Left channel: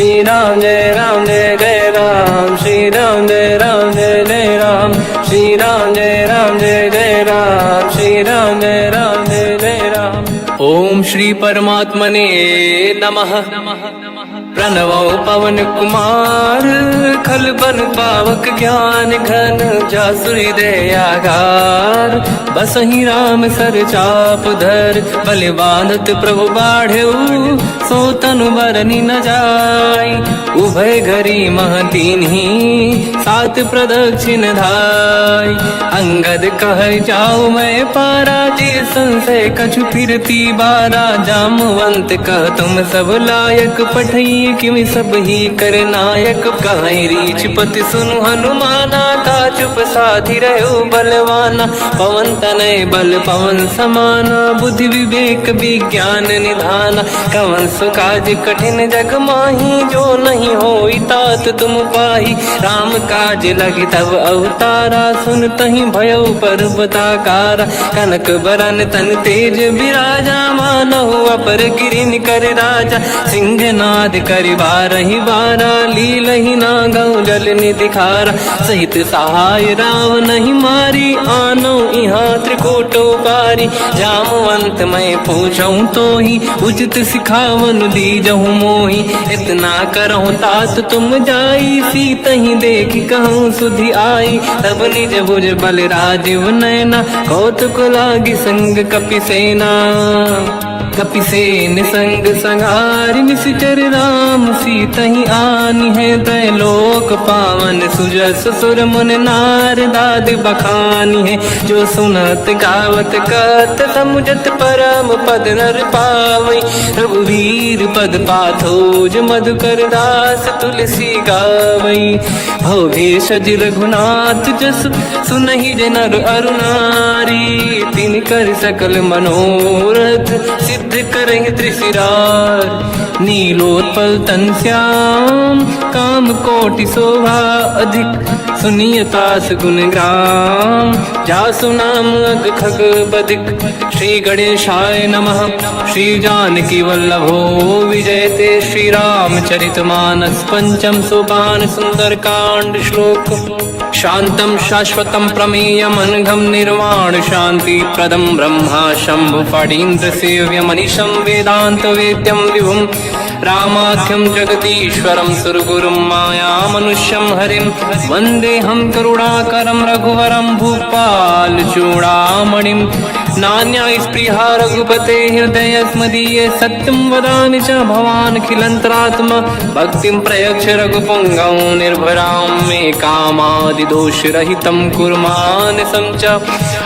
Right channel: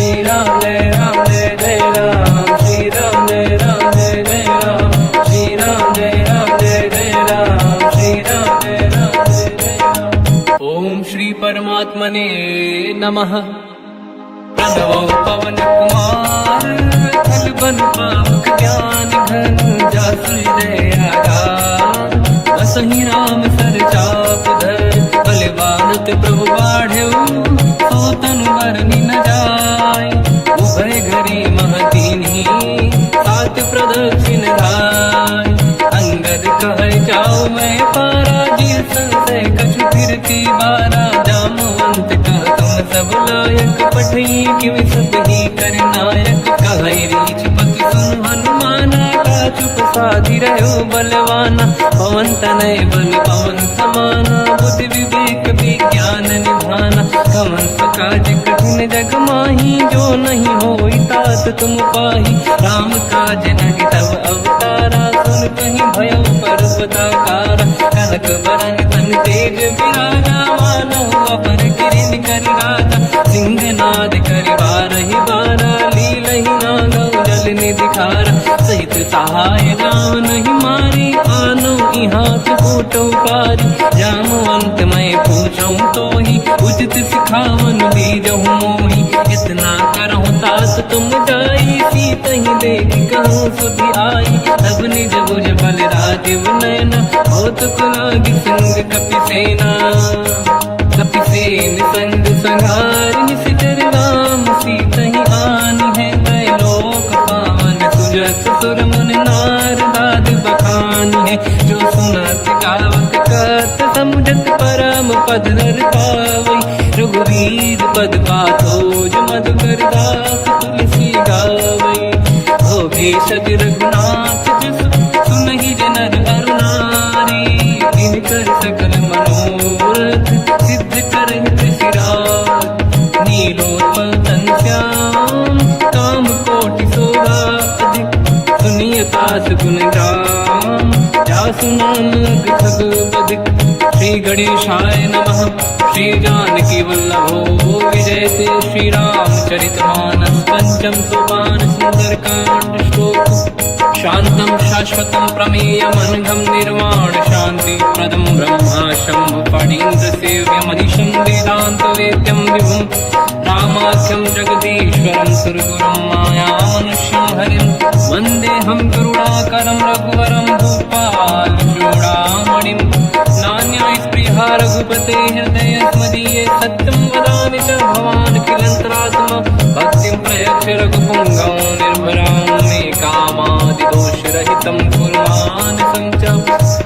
श्री राम जय जय राम, श्री राम जय जय राम, श्री राम जय जय राम, श्री राम जय जय राम। ओम श्री परमात्मने नमः। प्रणवो पवन कुमार, खल बन पावक ज्ञान घन, जासुरी दयागार। बसहि राम सर चाप धर, बलवानत प्रभु बाढ़ऊ, सो तनु मरनि न जाय। उभय घरी मह दीन्ही, सात प्रदक्षिण धाय। अंगद कह जाओ मैं पारा, जी संशय कछु फिरती बारा। जामवंत कह तुम सब लायक, पठई किमि सब ही कर नायक। कहीं रीछ पति सुनु हनुमाना, का चुप साधि रहो बलवाना। पवन तनय बल पवन समाना, बुद्धि विवेक विज्ञान निधाना। कवन सो काज कठिन जग माही, जो नहीं होई तात तुम पाही। राम काज लगी तब अवतारा, सुन तहि भयउ पर्वताकारा। कनक बरन तन तेज बिराजा, मानहु अपर गिरिन कर राजा। सिंहनाद करि बारहि बारा, लीलहि नागौ जल निधिखारा। सहित सहाय राम नहीं मारी, आनो इहाँ त्रिकोटौ पारी। जामवंत मैं पूछऊँ तोहि, उचित सिखावन दीजहु मोहि। इतना करहु तात तुम जाई, सीतहि देखि कहूँ सुधि आई। तब निज भुज बल राजीव नैना, कौतुक लागी संग कपिसेना। कपिसेन संग संहारि, निशिचर राम सीतहि आनी है। दैलोक पावन सुजस सुर मुन नार, दाद बखानी है। जो सुनत गावत कत, समुझत परम पद नर पावई। रघुवीर पद पाथोज, मधुकर दास तुलसी गावई। भोगे सज रघुनाथ जस, सुनहि जनर अरु नारी। तिन कर सकल मनोरथ, सिद्ध करहि त्रिशिरार। नीलोत्पल तन श्याम, काम कोटि शोभा अधिक। सुनियतास गुण ग्राम, जासु नाम अग खग बदिक। श्री गणेशाय नमः। श्री जानकी वल्लभो विजयते, श्री रामचरित मानस। पंचम सोपान सुंदर कांड श्लोक। शांतं शाश्वतं प्रमेयम्, अनघं निर्वाण शांति प्रदं। ब्रह्मा शंभु फणीन्द्र सेव्यम्, मनीषं वेदांत वेद्यं विभुं। रामाख्यं जगदीश्वरं सुरगुरुं, माया मनुष्यं हरिं। वन्देऽहं करुणाकरं रघुवरं, भूपाल चूडामणिं। नान्या स्पृहा रघुपते हृदय स्मदीये, सत्यं वदामि च भवानखिलन्तरात्मा। भक्तिं प्रयच्छ रघुपुङ्गं, निर्भरां मे कामादिदोषरहितं कुर्मानसं च।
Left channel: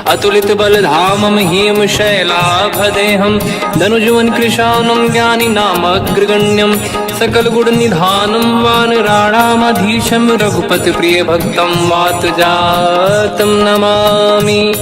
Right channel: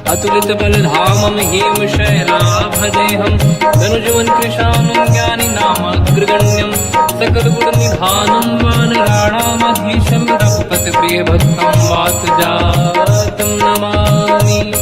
अतुलित बलधामं हेमशैलाभदेहं, धनुजवन कृशानं ज्ञानी नामग्रगण्यं। सकल गुण निधानं वानराणामधीशं, रघुपति प्रिय भक्तं वात जातं नमामि।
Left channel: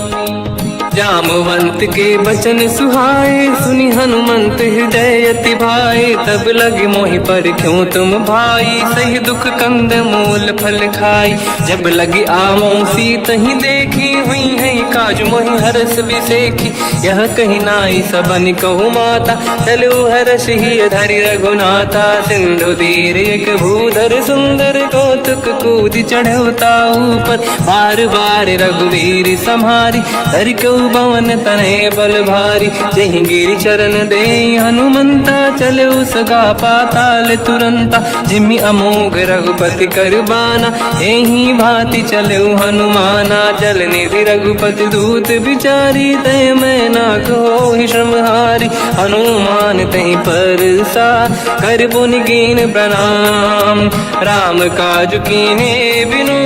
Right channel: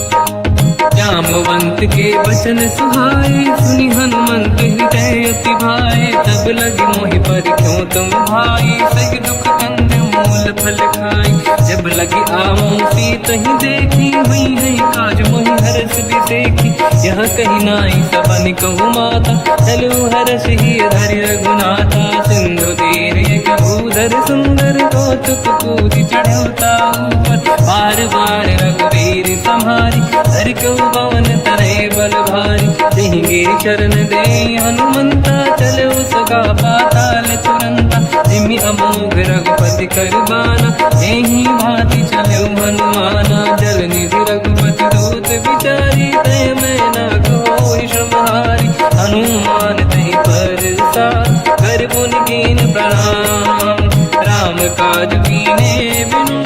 जामवंत के वचन सुहाए, सुनि हनुमंत हृदय अति भाए। तब लगे मोहि पर क्यों तुम भाई, सही दुख कंद मूल फल खाई। जब लगी आवों सीतहि देखी, हुई है काज मोहि हरस बिसेखी। यह कही नाई सबन कहु माता, चलु हरष ही धरि रघुनाथा। सिंधु तीर एक भूधर सुंदर, कौतुक कूदि चढ़ौता ऊपर। बार बार रघुवीर सम्हारी, धरि कऊ पवन तनय बल भारी। जहि गिरि चरण दे हनुमंता, चले सगा पाताल तुरंता। जिमि अमोघ रघुपति कर बाना, एहि भांति चले हनुमाना। जल निधि रघुपति दूत बिचारी, तय मैं ना कोहि श्रमहारी। हनुमान तहि परसा, कर पुनि कीन प्रणाम। राम काज कीन्हे बिनु,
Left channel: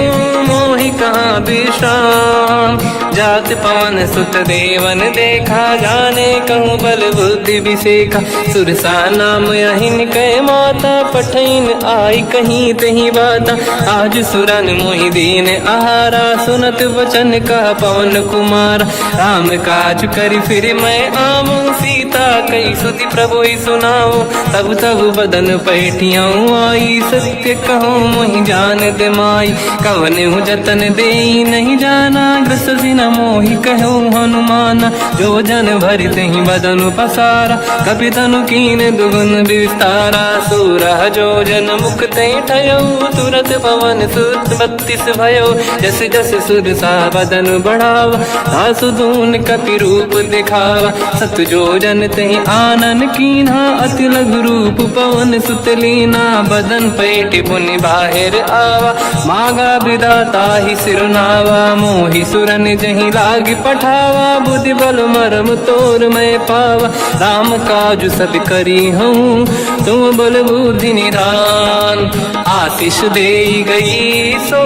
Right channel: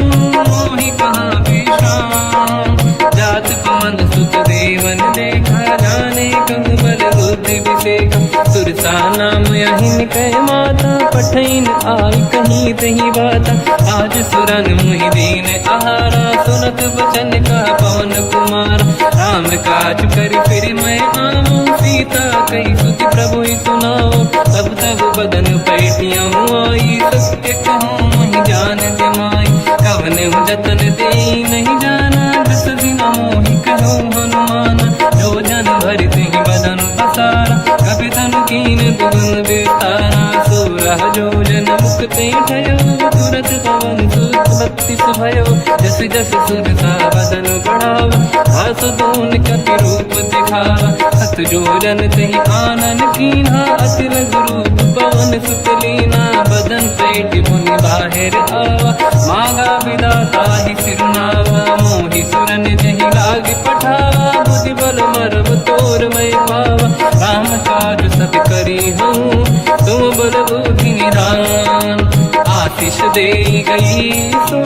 मोहि कहाँ विश्राम। जात पवन सुत देवन देखा, जाने कहूँ बल बुद्धि विसेखा। सुरसा नाम यहिन कै माता, पठैन आई कहीं तही बाता। आज सुरन मोहि दीन आहारा, सुनत वचन का पवन कुमार। राम काज करि फिर मैं आवूं, सीता कई सुति प्रभु ही सुनाओ। तब तब बदन पैठियाँ आई, सत्य कहो मोहि जान दे माई। कवन हूँ जतन दे नहीं जाना, दस दिन मोहि कहो हनुमान। जो जन भरित ही बदन पसारा, कपि तनु कीन दुगुन विस्तारा। सूरह जो जन मुख ते ठयो, तुरत पवन सुत 32 भयो। जस जस सुर सा बदन बढ़ावा, आसु दून कपि रूप दिखावा। सत जो जन ते आनन कीन्हा, अति लघु रूप पवन सुत लीना। बदन पैठ पुनि बाहिर आवा, मागा विधाता ही सिरनावा। मोहि सुरन जहि लाग पठावा, बुद्धि बल मरम तोर मैं पावा। राम काज सब करी हूँ, तुम बल बुद्धि निधान। आशीष दे गई सो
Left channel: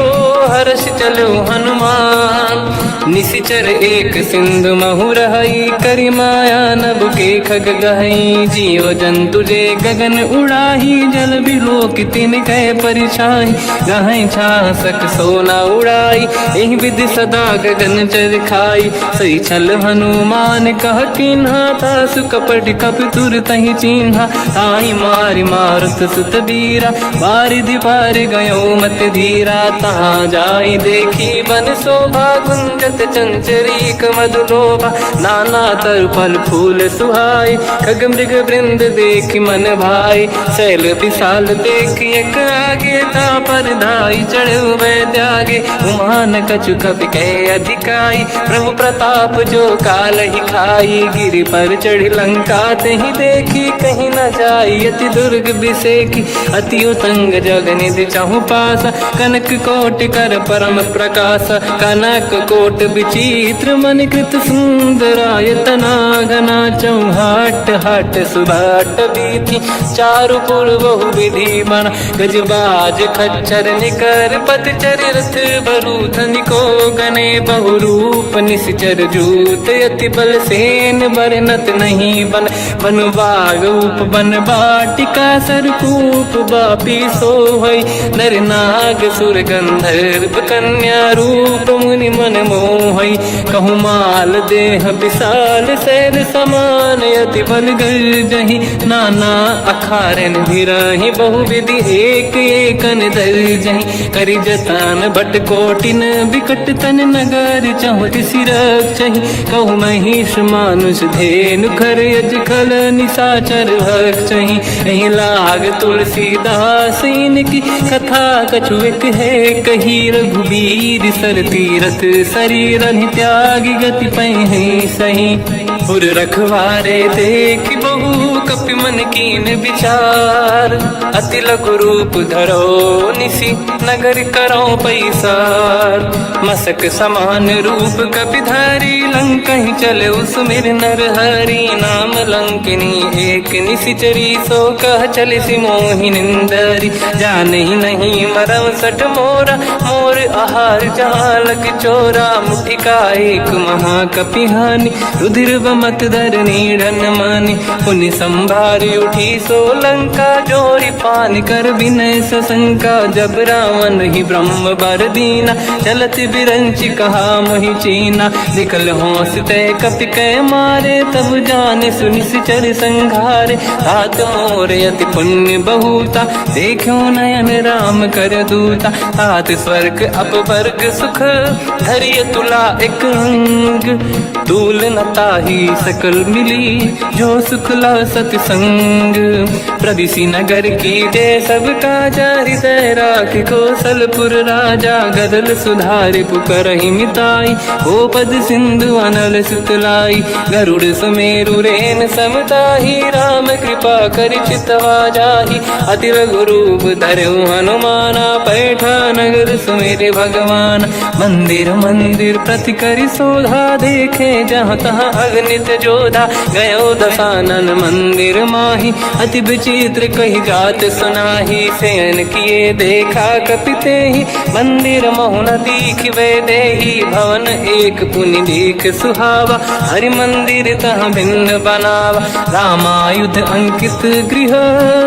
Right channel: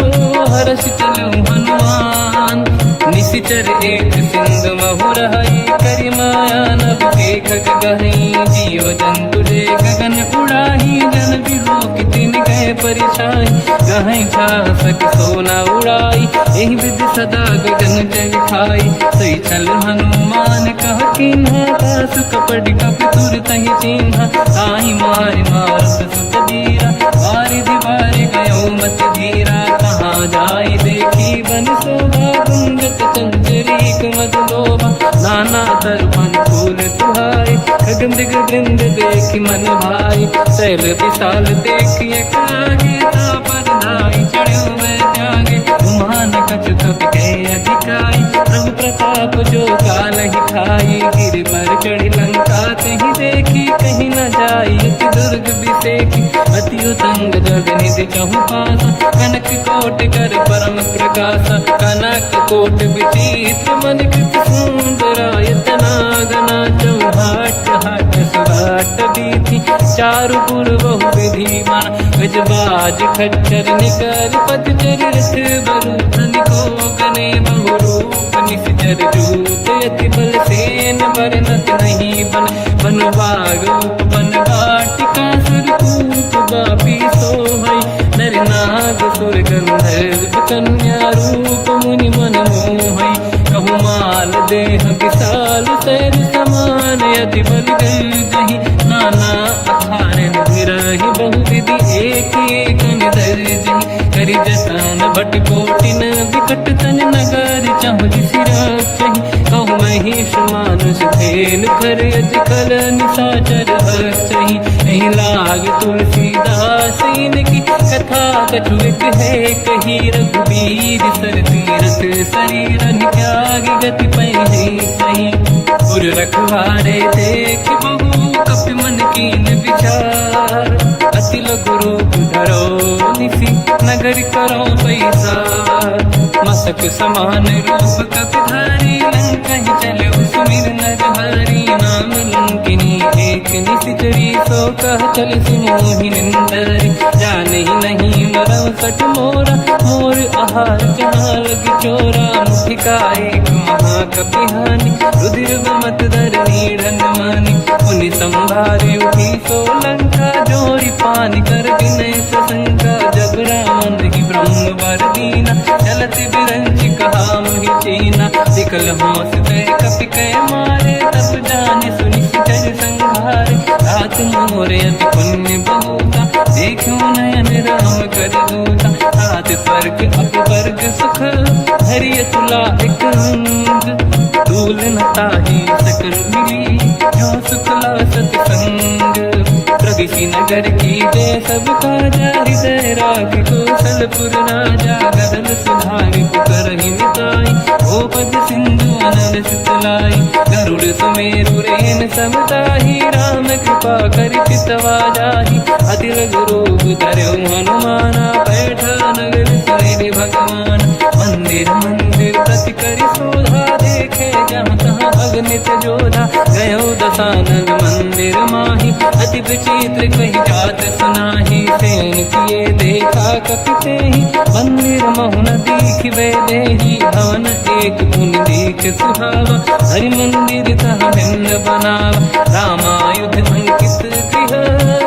हर्ष चलो हनुमान। निशिचर एक सिंधु महु रहई, करि माया नभ के खग गहई। जीव जंतु जे गगन उड़ाही, जल बिलोक तिन कह परिछाई। गहई छासक सोना उड़ाई, एहि विधि सदा गगन चर खाई। सही छल हनुमान कह किन्हा, तासु कपट कपि तुर तहि चिन्हा। ताहि मारि मारुत सुत बीरा, बारिधि पार गयो मत धीरा। तहाँ जाई देखी बन शोभा, कुंजत चंचरीक मधुलोभा। नाना तर फल फूल सुहाई, खग मृग वृंद देख मन भाई। शैल विशाल देखिए कागे, पर धाई चढ़े हुए त्यागे। उमान कछु कपि कहे अधिकाई, प्रभु प्रताप जो काल ही खाई। गिरि पर चढ़ी लंका ते ही देखी, कहीं न जाई अति दुर्ग बिसेकी। अति उतंग जग निधि चहु पासा, कनक कोट कर परम प्रकाश। कनक कोट विचित्र मन कृत सुंदरायतना घना। चौहाट हाट सुभाट बीथी, चारु पुर बहु विधि बना। गजबाज खच्चर निकर पतचर, रथ बरु धनिको गने बहु रूप। निशिचर जूत अति बल सेन, बरनत नहीं बन। बन बाग उप बन बाटिका, सरकूप बापी सोहई। नर नाग सुर गंधर्व कन्या, रूप मुनि मन मोहई। कहु माल देह विशाल, शैल समान अति बल गर्जहि। नाना अखारन भिरहि, बहु विधि एक एकन दर्जहि। करि जतन भट कोटिन, विकट तन नगर चहु सिरक्षहि। कहु महिष मानुष धेनु, खर यज खल निशाचर भक्षहि। एहि लाग तुलसीदास इनकी, कथा कछु एक है कही। रघुबीर सर तीरथ शरीर, त्यागी गति पहि सही। उर रखवारे देख बहु, कपि मन कीन विचार। अति लघु रूप धरो निसी, नगर करो पैसार। मसक समान रूप कपि धारी, लंका ही चले उसमें नर हरि। नाम लंकिनी एक निशिचरी, सो कह चले सि मोहि निंदरी। जान ही नहीं मरम सट मोरा, मोर आहार जालक चोरा। मुठिका एक महाकपि हानि, रुधिर बमत धर नीड़न मानि। पुनि संभारी उठी सो लंका, जोरी पान कर विनय सशंका। जब रावण ही ब्रह्म बर दीना, चलत बिरंच कहा मोहि चीना। निकल होश तय कपि कै मारे, तब जाने सुनिशिचर संघारे। तात मोर अति पुण्य बहुता, देखो नयन राम कर दूता। तात स्वर्ग अपवर्ग सुख, धरिय तुला एक रंग। तूल न ताहि सकल मिली, जो सुखला सतसंग। प्रदिशि नगर की जय सब काजा, हृदय राख कौशलपुर राजा। गदल सुधारि पुकारहि मिताई, ओ पद सिंधु अनल सुतलाई। गरुड़ सुमेरु रेन समताहि, राम कृपा करि चितवा जाहि। अति लघु रूप धरऊ हनुमाना, पैठा नगर सुमेरे भगवान। मंदिर मंदिर प्रति करि शोधा, देखे जहाँ तहाँ अगणित जोधा। गयो दशानन मंदिर माहि, अति विचित्र कही जात सुनाहि। शयन किए देखा कपि तेहि, मंदिर महु न दीखिबे देहि। भवन एक पुनि देख सुहावा, हरि मंदिर तहाँ भिन्न बनावा। रामायुध अंकित गृह,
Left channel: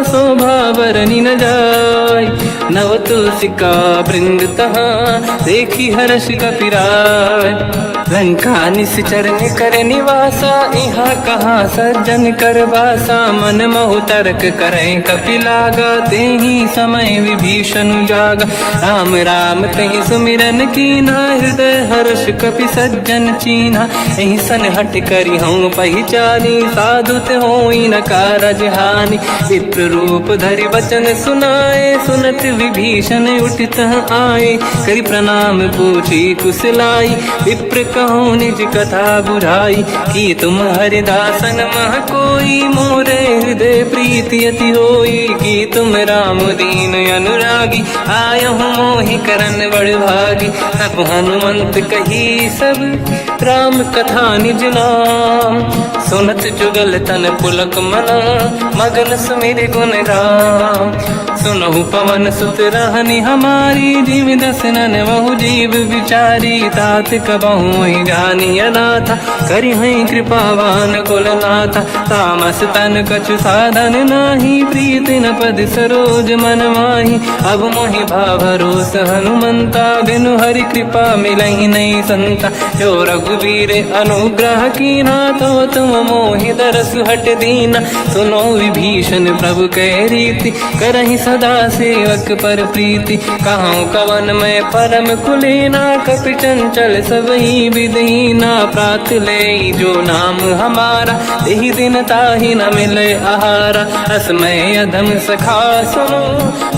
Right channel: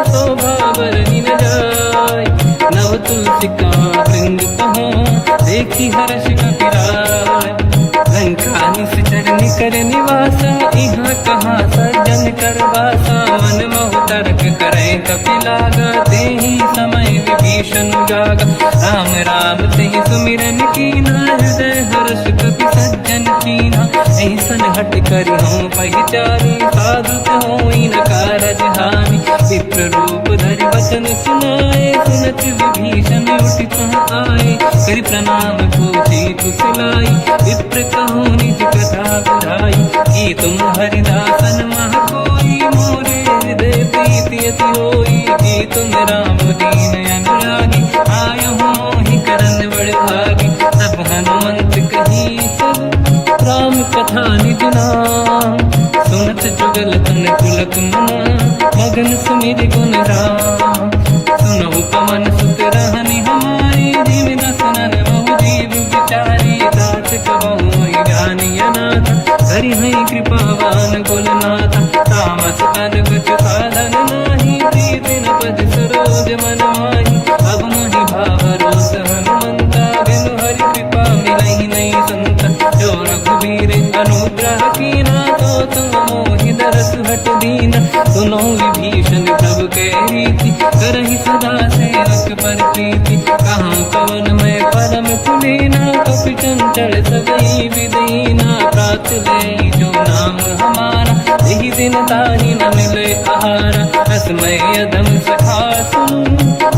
शोभा बरनि न जाय। नव तुलसी का वृंद तहाँ देखी हर्ष कपिराय। लंका निश्चर कर निवासा यहाँ कहाँ सज्जन कर वासा। मन महु तर्क करें कपिलागा तेहि समय विभीषण जागा। राम राम तेहि सुमिरन कीना हृदय हर्ष कपि सज्जन चीना। ऐसन हट करी हूँ पहचानी साधुत होई न कारज हानि। विप्र रूप धरि वचन सुनाए सुनत विभीषण उठित आए। करि प्रणाम पूछी कुशलाई विप्र कहूँ निज कथा बुराई। कि तुम हरिदासन मह कोई मोरे हृदय प्रीति अति होई। कि तुम राम दीन अनुरागी आयहु मोहि करन बड़ भागी। तब हनुमंत कही सब राम कथा निज नाम। सुनत जुगल तन पुलक मना मगन सुमिर गुण राम। सुनहु पवन सुत रहनि हमारी जीव दसनन महु जीव विचारी। तात कबहु जानी अनाथा करि हई कृपावान कुलनाथा। तामस तन कछु साधन नाही प्रीत न पद सरोज मन माही। अब मोहि भावरोस हनुमंता बिनु हरि कृपा मिलहि नहीं संता। जो रघुवीर अनुग्रह कीना तो तुम मोहि दरस हट दीना। सुनो विभीषण प्रभु के रीति करहि सदा सेवक पर प्रीति। कहूँ कवन मैं परम कुलीना कपि चंचल सबही विदहीना। प्रात ले जो नाम हमारा यही दिन ताहि न मिले आहारा। असमय अधम सखा सुनो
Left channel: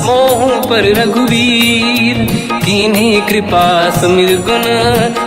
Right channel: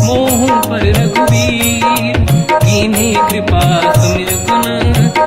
मोह पर रघुवीर। कीन्ही कृपा सुमिर गुण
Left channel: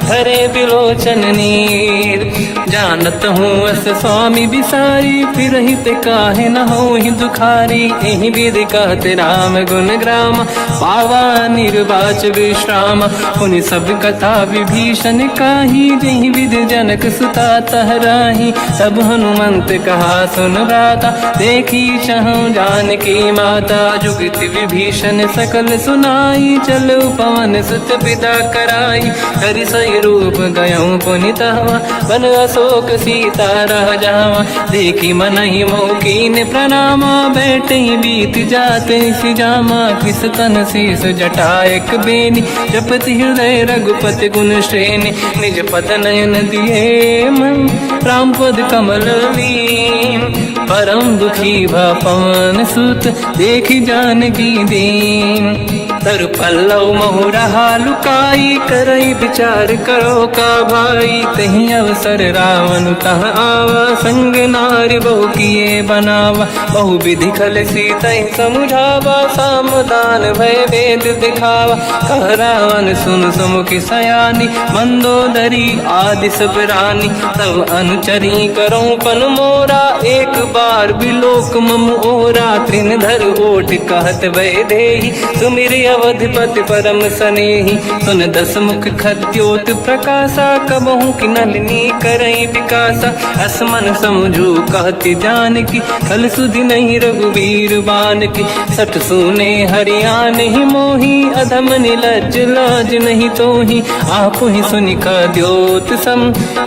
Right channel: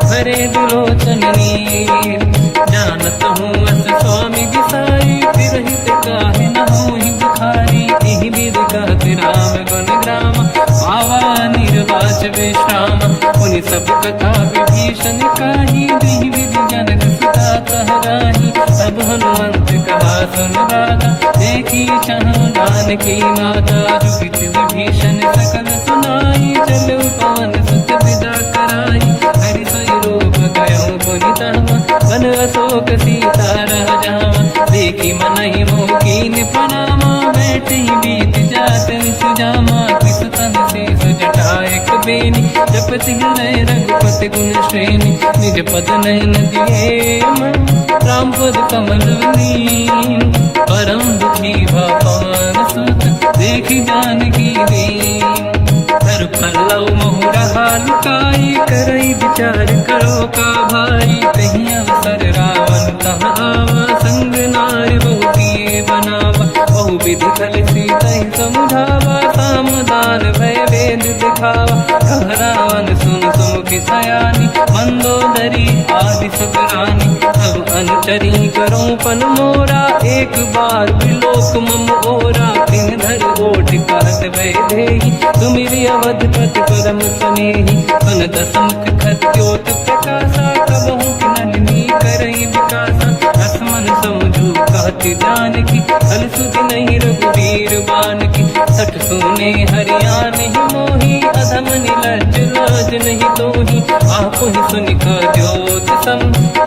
हरे बिलोचन नीर। जानत हूँ अस स्वामी बिसारी फिर हित काहे न हो ही दुखारी। यही विधि कहते राम गुण ग्राम पावा निर्वाच विश्राम। उन सब कथा विभीषण काही यही विधि जनक सुता तहराही। तब हनुमंत कहा सुन राता देखी चहु जानकी माता। जुगति विभीषण सकल सुनाई चलो पवन सुत पिता कराई। हरि सही रूप गयो पुनितवा बन अशोक सीता रह जावा। देखी मन ही मोकीन प्रणामा बैठ ही बीत जाते सी जामा। किस तन शीस जटायक बेनी जपति हृदय रघुपति गुण श्रेणी। निज पद नयन दिए मन राम पद कमल लीन। परम दुखी भा पवन सुत देखी जानकी दीन। तर पल्लव महु रहा लुकाई करई विचार करो का भाई। तही अवसर रावण तह आवा संग नारी बहु किए बनावा। बहु विधि खल सीता समुझावा सामदान भय वेद दिखावा। कह रावण सुन सुमुख सयानी मंदोदरी आदि सब रानी। तब अनुचरी करो पन मोरा एक बार बिलोक मम ओरा। तृण धर ओठ कहत भय देहि सुमिर अवधपति परम सनेहि। सुन दस मुख खद्योत प्रकाशा कबहु कि नलिनी करई विकासा। असमन समझू कहती जानकी कल सुधि नहीं रघुवीर बानकी। सठ सुने हरियाण ही मोही अधम निलज लाज नहीं तोही। आप ही सुनि खद्योत सम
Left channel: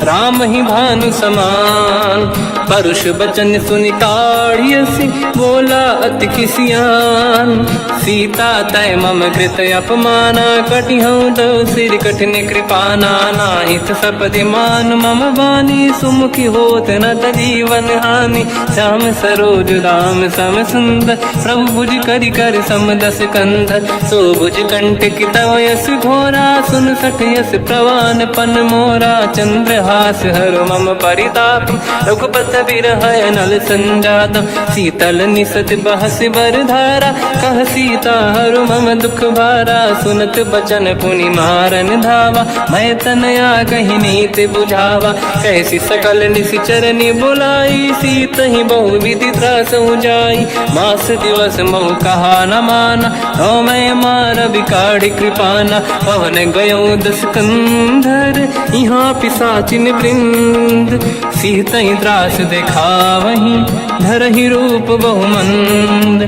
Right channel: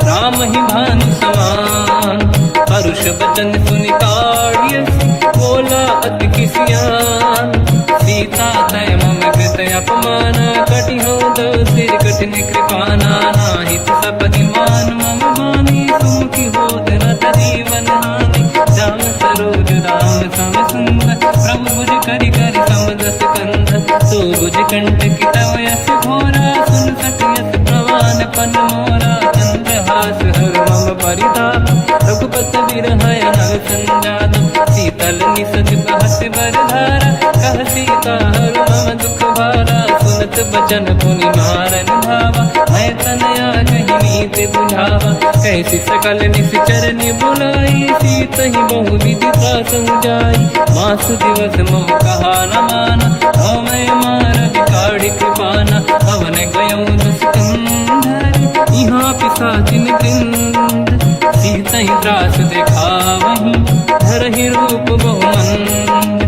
राम ही भानु समान। परुष बचन सुनि ताड़ियसि बोला अति किसियान। सीता तय मम कृत अपमाना कटिहूँ दो सिर कठिन कृपाना। नाहित सपदि मान मम बानी सुमुखी होत न जीवन हानि। श्याम सरोज राम सम सुंदर प्रभु भुज करि कर समदस कंधर। सो भुज कंठ की तव यस घोरा सुन सठ यस प्रवान पन मोरा। चंद्रहास हर मम परिताप रघुपत विरह नल संजात। शीतल निसत बहस बर धारा कह सीता हर मम दुख भारा। सुनत बचन पुनि मारन धावा मैं तनया कही नीत बुझावा। कैसी सकल निश्चरनि बुलाई सीत ही बहु विधि त्रास जाई। मास दिवस महु कहा न माना तो मैं मार बिकाढ़ कृपाना। पवन गयो दस कंधर यहाँ पिशाचिन वृंद। सीत ही त्रास देखा वहीं धर ही रूप बहुमंद।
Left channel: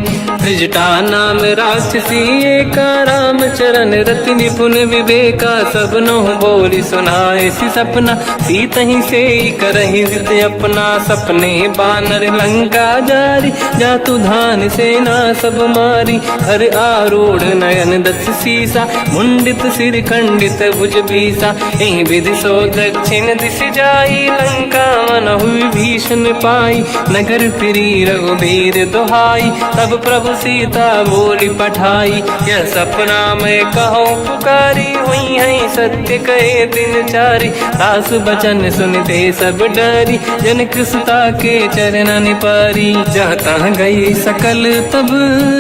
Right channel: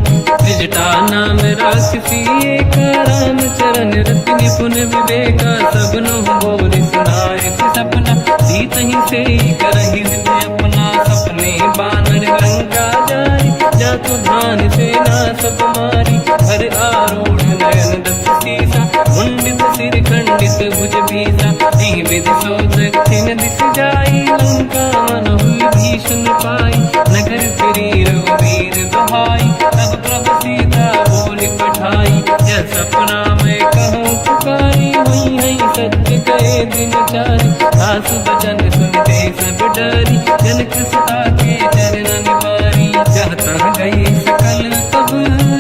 त्रिजटा नाम राक्षसी एका, राम चरण रति निपुण विवेका। सब नो बोली सुनाए सी सपना, सीत ही से करही जिद अपना। सपने बानर लंका जारी, जातु धान सेना सब मारी। हर आरूढ़ नयन दस सीसा, मुंडित सिर खंडित भुज बीसा। एहि विधि सो दक्षिण दिश जाई, लंका मनहु भीषण पाई। नगर फिरी रघुबीर दुहाई, तब प्रभु सीता बोली पठाई। यह सपना मैं कहूँ पुकारी, हुई है सत्य कहे दिन चारी। दास बचन सुन दे सब डरी, जनक सुता के चरण पारी। जहाँ तहाँ गई सकल तब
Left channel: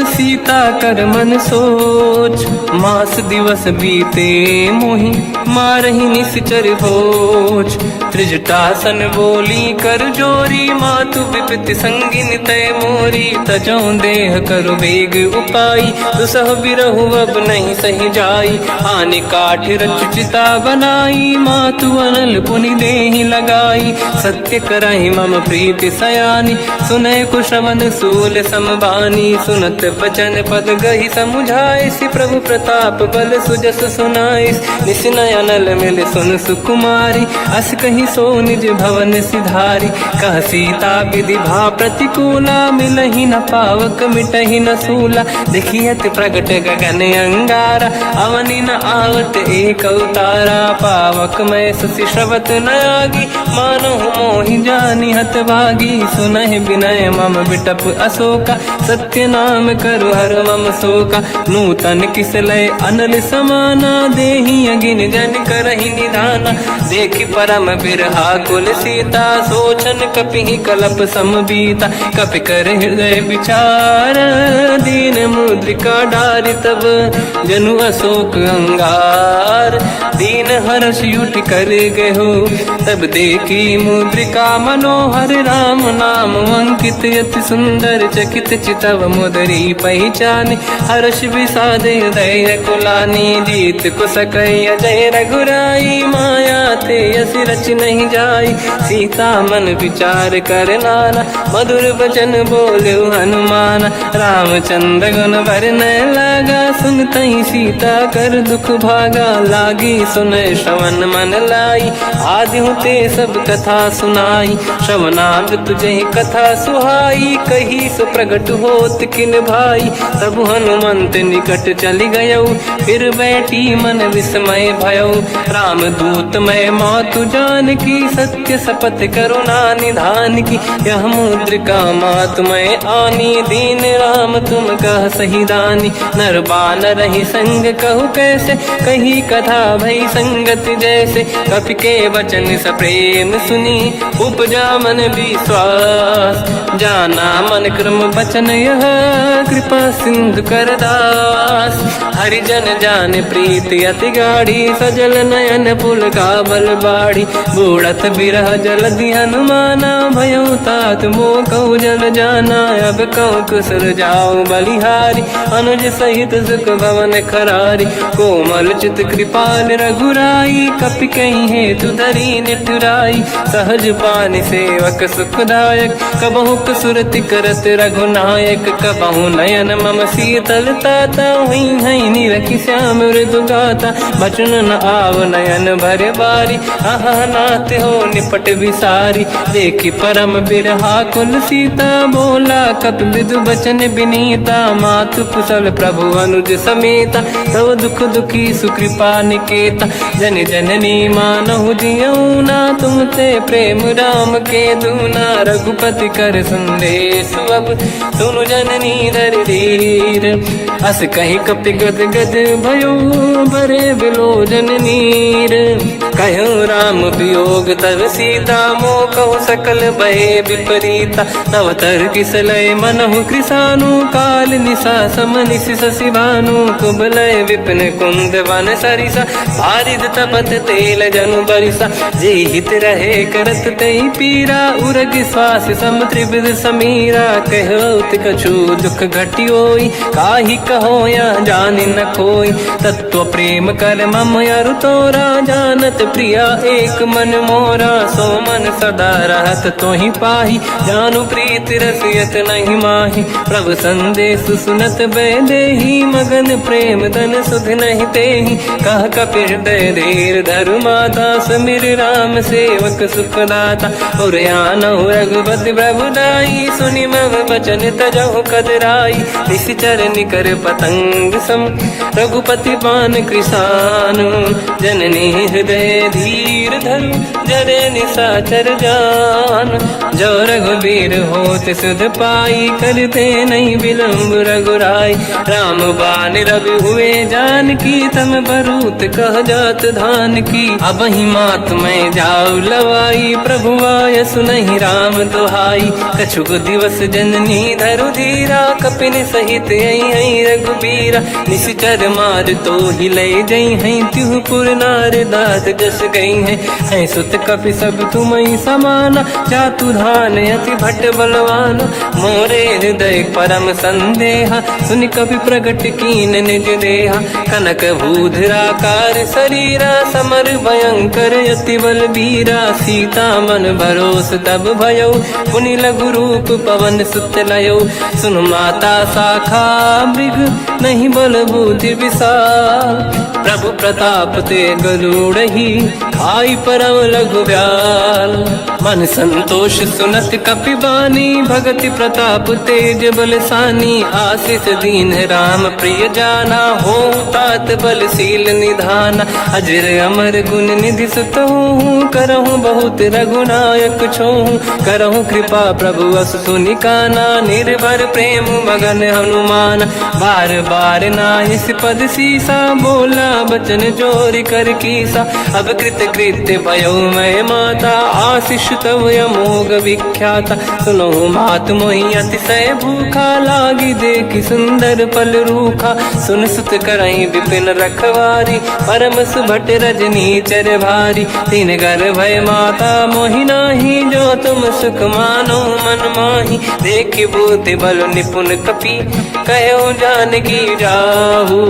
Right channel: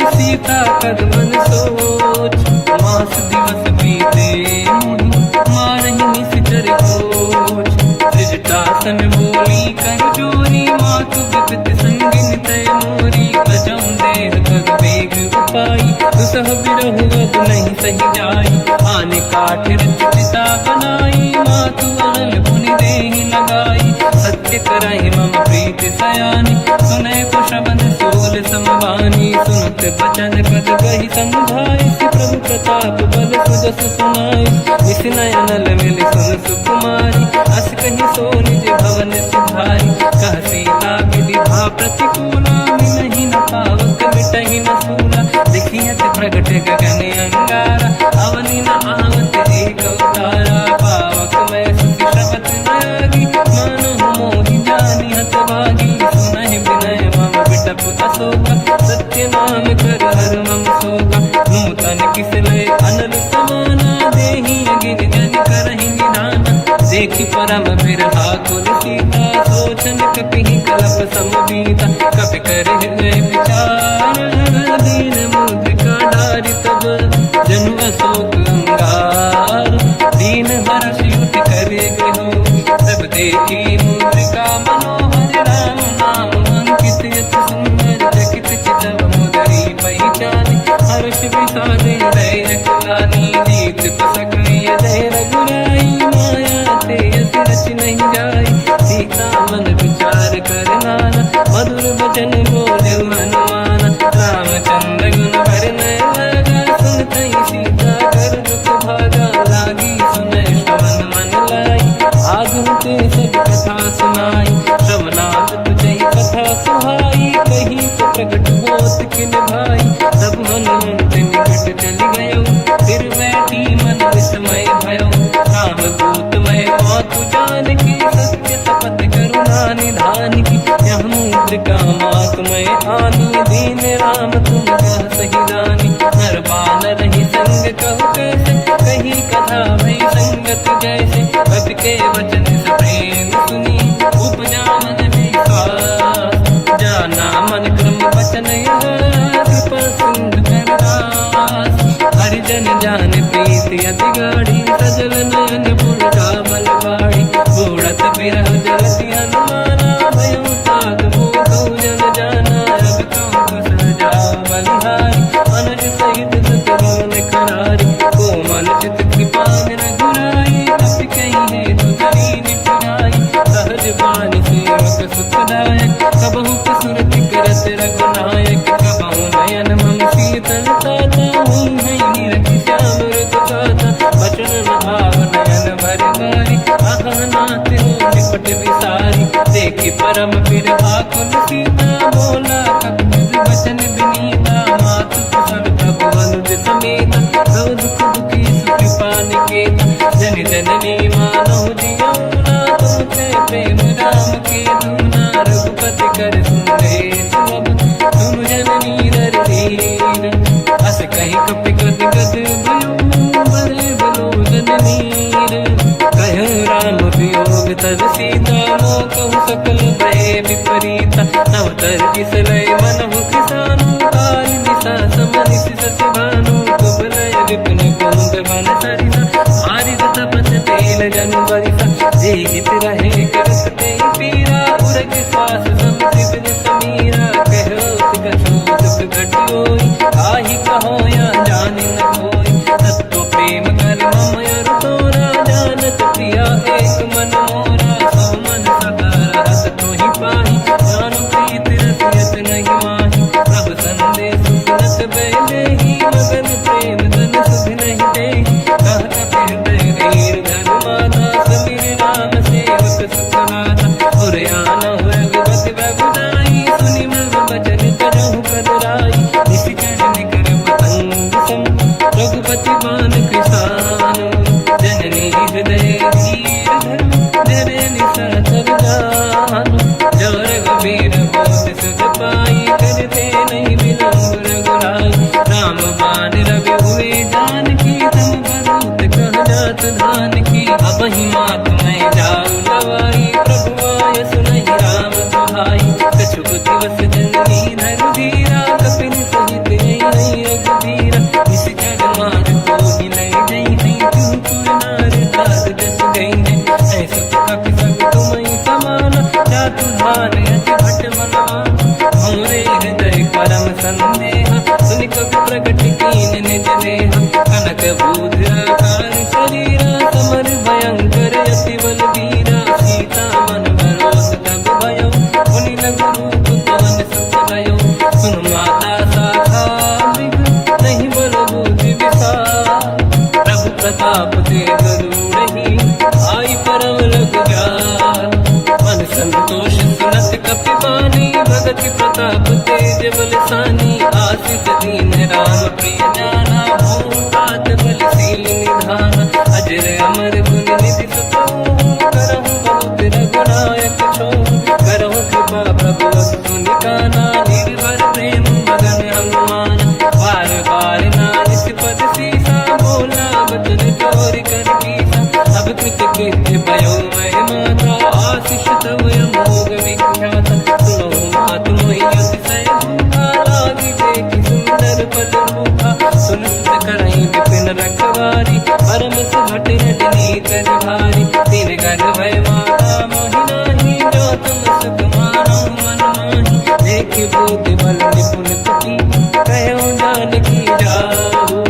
सीता कर मन सोच। मास दिवस बीते मोहि मारहि निश्चर होच। त्रिजटासन बोली कर जोरी, मातु विपति संगिन तय मोरी। तजौ देह कर वेग उपाई, दुसह बिरहु अब नहीं सही जाई। आने काठ रचिता बनाई, मातु अनल पुनि देहि लगाई। सत्य करहि मम प्रीति सयानी, सुनय कुशवन सूल समबानी। सुनत बचन पद गहि समुझाए, सि प्रभु प्रताप बल सुजस सुनाई। निसनय अनल मिल सुन सुकुमारी, अस कहि सो निज भवन सिधारी। कह सीता विधि भा प्रतिकूला, मिलहि न पावक मिटहि न सूला। देखियत प्रगट गगन अंगारा, अवनि न आवत एक अवतारा। पावक मैं ससि श्रवत न आगी, मानहु मोहि जानि हत भागी। सुनहि विनय मम बिटप अशोका, सत्य नाम कर हर मम शोका। नूतन किस लय अनल समाना, देहि अगिन जन करहि निधाना। देखि परम बिरहा कुल सीता, सोचन कपिहि कलप समबीता। कपि कर हृदय विचार, दीन मुद्रिका डारि तब जनु अशोक अंगार। दीन हर्ष युति कर गेहु, तब देखी मुद्रिका मनोहर। राम नाम अंकित अति सुंदर, चकित चितव मुदरी पहचान। हर्ष विषादे धैर्य कुलानी, जीत कुसकय जय रघुराई। माया ते अस रच नहीं जाई, सीता मन विचार कर नाना। मधुर बचन बोले हनुमान, रामचंद्र गुण वरनय लगा। सुनतहि सीता कर दुख भागा, लागी सुनय श्रवण मन लाई। आदि होते सब कथा सुनाई, श्रवणाग तुझे कथा सुहाई। कही से प्रगट होत किन भाई, तब हनुमंत निकट चली गयो। फिर बैठी मन विस्मय भयो, राम दूत मैं मातु जान की। सत्य शपथ करुणा निधान की, यह मुद्रिका मातु मैं आनी। दीन राम तुम कह सही दानी, नर बानर ही संग कहु कैसे। कही कथा भई संगत जैसे, कपि के वचन सप्रेम सुनी। उपजा मन विश्वास, जाना मन क्रम वचन यह। कृपा सिंधु कर दास, हरिजन जान प्रीति अति गाढ़ी। सजल नयन पुल का बल बाढ़ी, बूढ़त बिरह जलधि हनुमाना। भयो तात मोह कहु जल जाना, अब कहु कुशल जाओ बलिहारी। अनुज सहित सुख भवन खरारी, कोमल चित कृपाल रघुराई। कपि कहीं हेतु धरी नितुराई, सहज पानि सेवक सुखदायक। कबहु कसुरति करत रघुनायक, कबहु नयन मम शीतल ताता। हुई है निरखि श्याम मृदु गाता, बचन न आव नयन भर बारी। आहा नाथ हो निपट विसारी, देखि परम बिरहा कुल सीता। बोला कपि विदु बचन विनीता, मातु कुशल प्रभु अनुज समेता। सब दुख दुखी सुकृपा निकेता, जन जननी मानहु जियौना। तुम ते प्रेम राम के दूना, रघुपति कर संदेश अब सुनु जननी नर धीर। अस कहि कपि गद गद भयो, बरे बिलोचन नीर। कहु राम वियोग तब सीता, मोह कहु सकल भय विपरीता। नव तर किस लय मनहु कृसानु, काल निशा समनिश शशि भानु। कुबलय विपिन कुंद वन सरिसा, बारिद तपत तेल जनु बरिसा। जे हित रहे करत ते पीरा, उरग श्वास सम त्रिविध समीरा। कहत कछु दुख घटियोई, काहि कहो या जानि न खोई। तत्व प्रेम कर मम अरु तोरा, जानत प्रिया एक मन मोरा, सो मन सदा रहत तो ही पाही, जानु प्रीत रसियत नहीं माही। प्रभु संदेश सुनत बैदेही, मगन प्रेम धन सुध नहीं तेही। कह कपि हृदय धीर धरु माता, समिर राम सेवक सुखदाता। और आनौ रघुपति प्रभुदाई, सुनि मम वचन तजहु कदराई। निश्चर निकर पतंग सम, रघुपति बान कृसानु। जननी हृदय धीर धरु, जरे निशाचर जान। जो रघुबीर होत सुध पाई, करते नहीं विलम्ब रघुराई। राम बान रघु हुए जानकी, तम बरूत कह जात धान की। अब ही मात मैं जाऊ लवाई, प्रभु आय सुनहि राम दुहाई। कछुक दिवस जननी धरु धीरा, कपिन सहित आई रघुबीरा। निश्चर मार तो ही ले जई हैं, तिहु पुर नार दात जस गई हैं। सुत कपि सब तुमहि समाना, चातु धान अति भट बलवान। मोरे हृदय परम संदेहा, सुनि कपि प्रकट कीन निज देहा। कनक भूधराकार शरीरा, समर भयंकर अति बलबीरा। सीता मन भरोस तब भयो, पुनि लघु रूप पवन सुत लयो। सुन माता शाखा मृग, नहीं बल बुद्धि विशाल। प्रभु प्रताप ते गरुड़हि, आई परम लघुब्याल। मन संतोष सुनत कपि बानी, भगति प्रताप तेज बलसानी। आशीष दीन राम प्रिय जाना, हो तात बलशील निधान। अजर अमर गुण निधि सुतहु, करहु बहुत रघुनायक छोहु। करहु कृपा प्रभु अस सुनि काना, निर्भर प्रेम मगन हनुमान। बार बार नाहिस पद सीसा, बोला बचन जोरि कर कीसा। अब कृत कृत्य भयो मैं माता, आशीष तव अमोघ विख्याता। सुनो मात मोहि अतिशय भूखा, लागी देखि सुंदर फल रूखा। सुन सुत करहि विपिन रखवारी, परम सुभट रजनी चर भारी। तीन घर भय माता मोहि नाही, जो तुम सुख मानो मन माही। देखि बुद्धि बल निपुण कपि, कहो जानकी जाहू।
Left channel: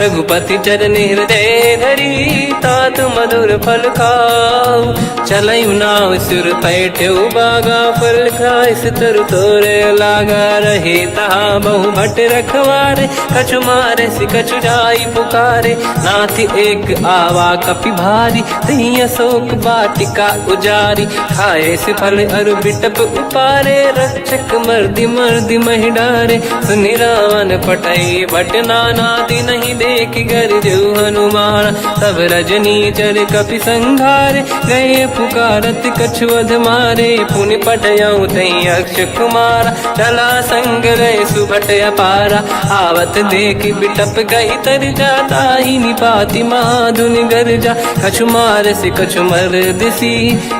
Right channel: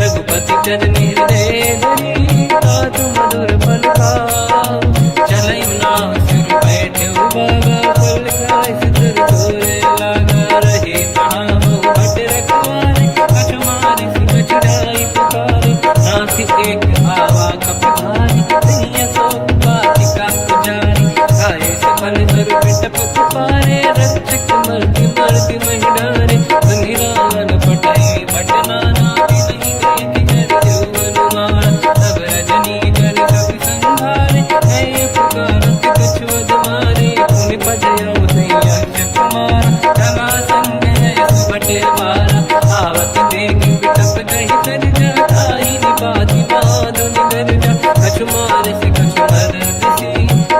रघुपति चरण हृदय धरी, तात मधुर फल खाऊ। चलऊ नाव सुर पैठ्यौ बागा, फल खाय सितर तोरे लागा। रहे तहाँ बहु भट रखवारे, कछु मारे सि कछु जाई पुकारे। नाथ एक आवा कपि भारी, दही अशोक वाटिका उजारी। खाए से फल अर बिटप उपारे, रक्षक मर्दि मर्दि महि डारे। सुनि रावण पटई भट नाना, नहीं देखि घर जो हनुमान। तब रजनी जल कपि संघारे, गए पुकारत कछुअध मारे। पुनि पटयऊ तई अक्ष कुमारा, चला संग रहे सुभट अपारा। आवत देखि बिटप गई तरजा, ताहि निपाति माधुनि गरजा। कछु मार से कछु मर दिसी,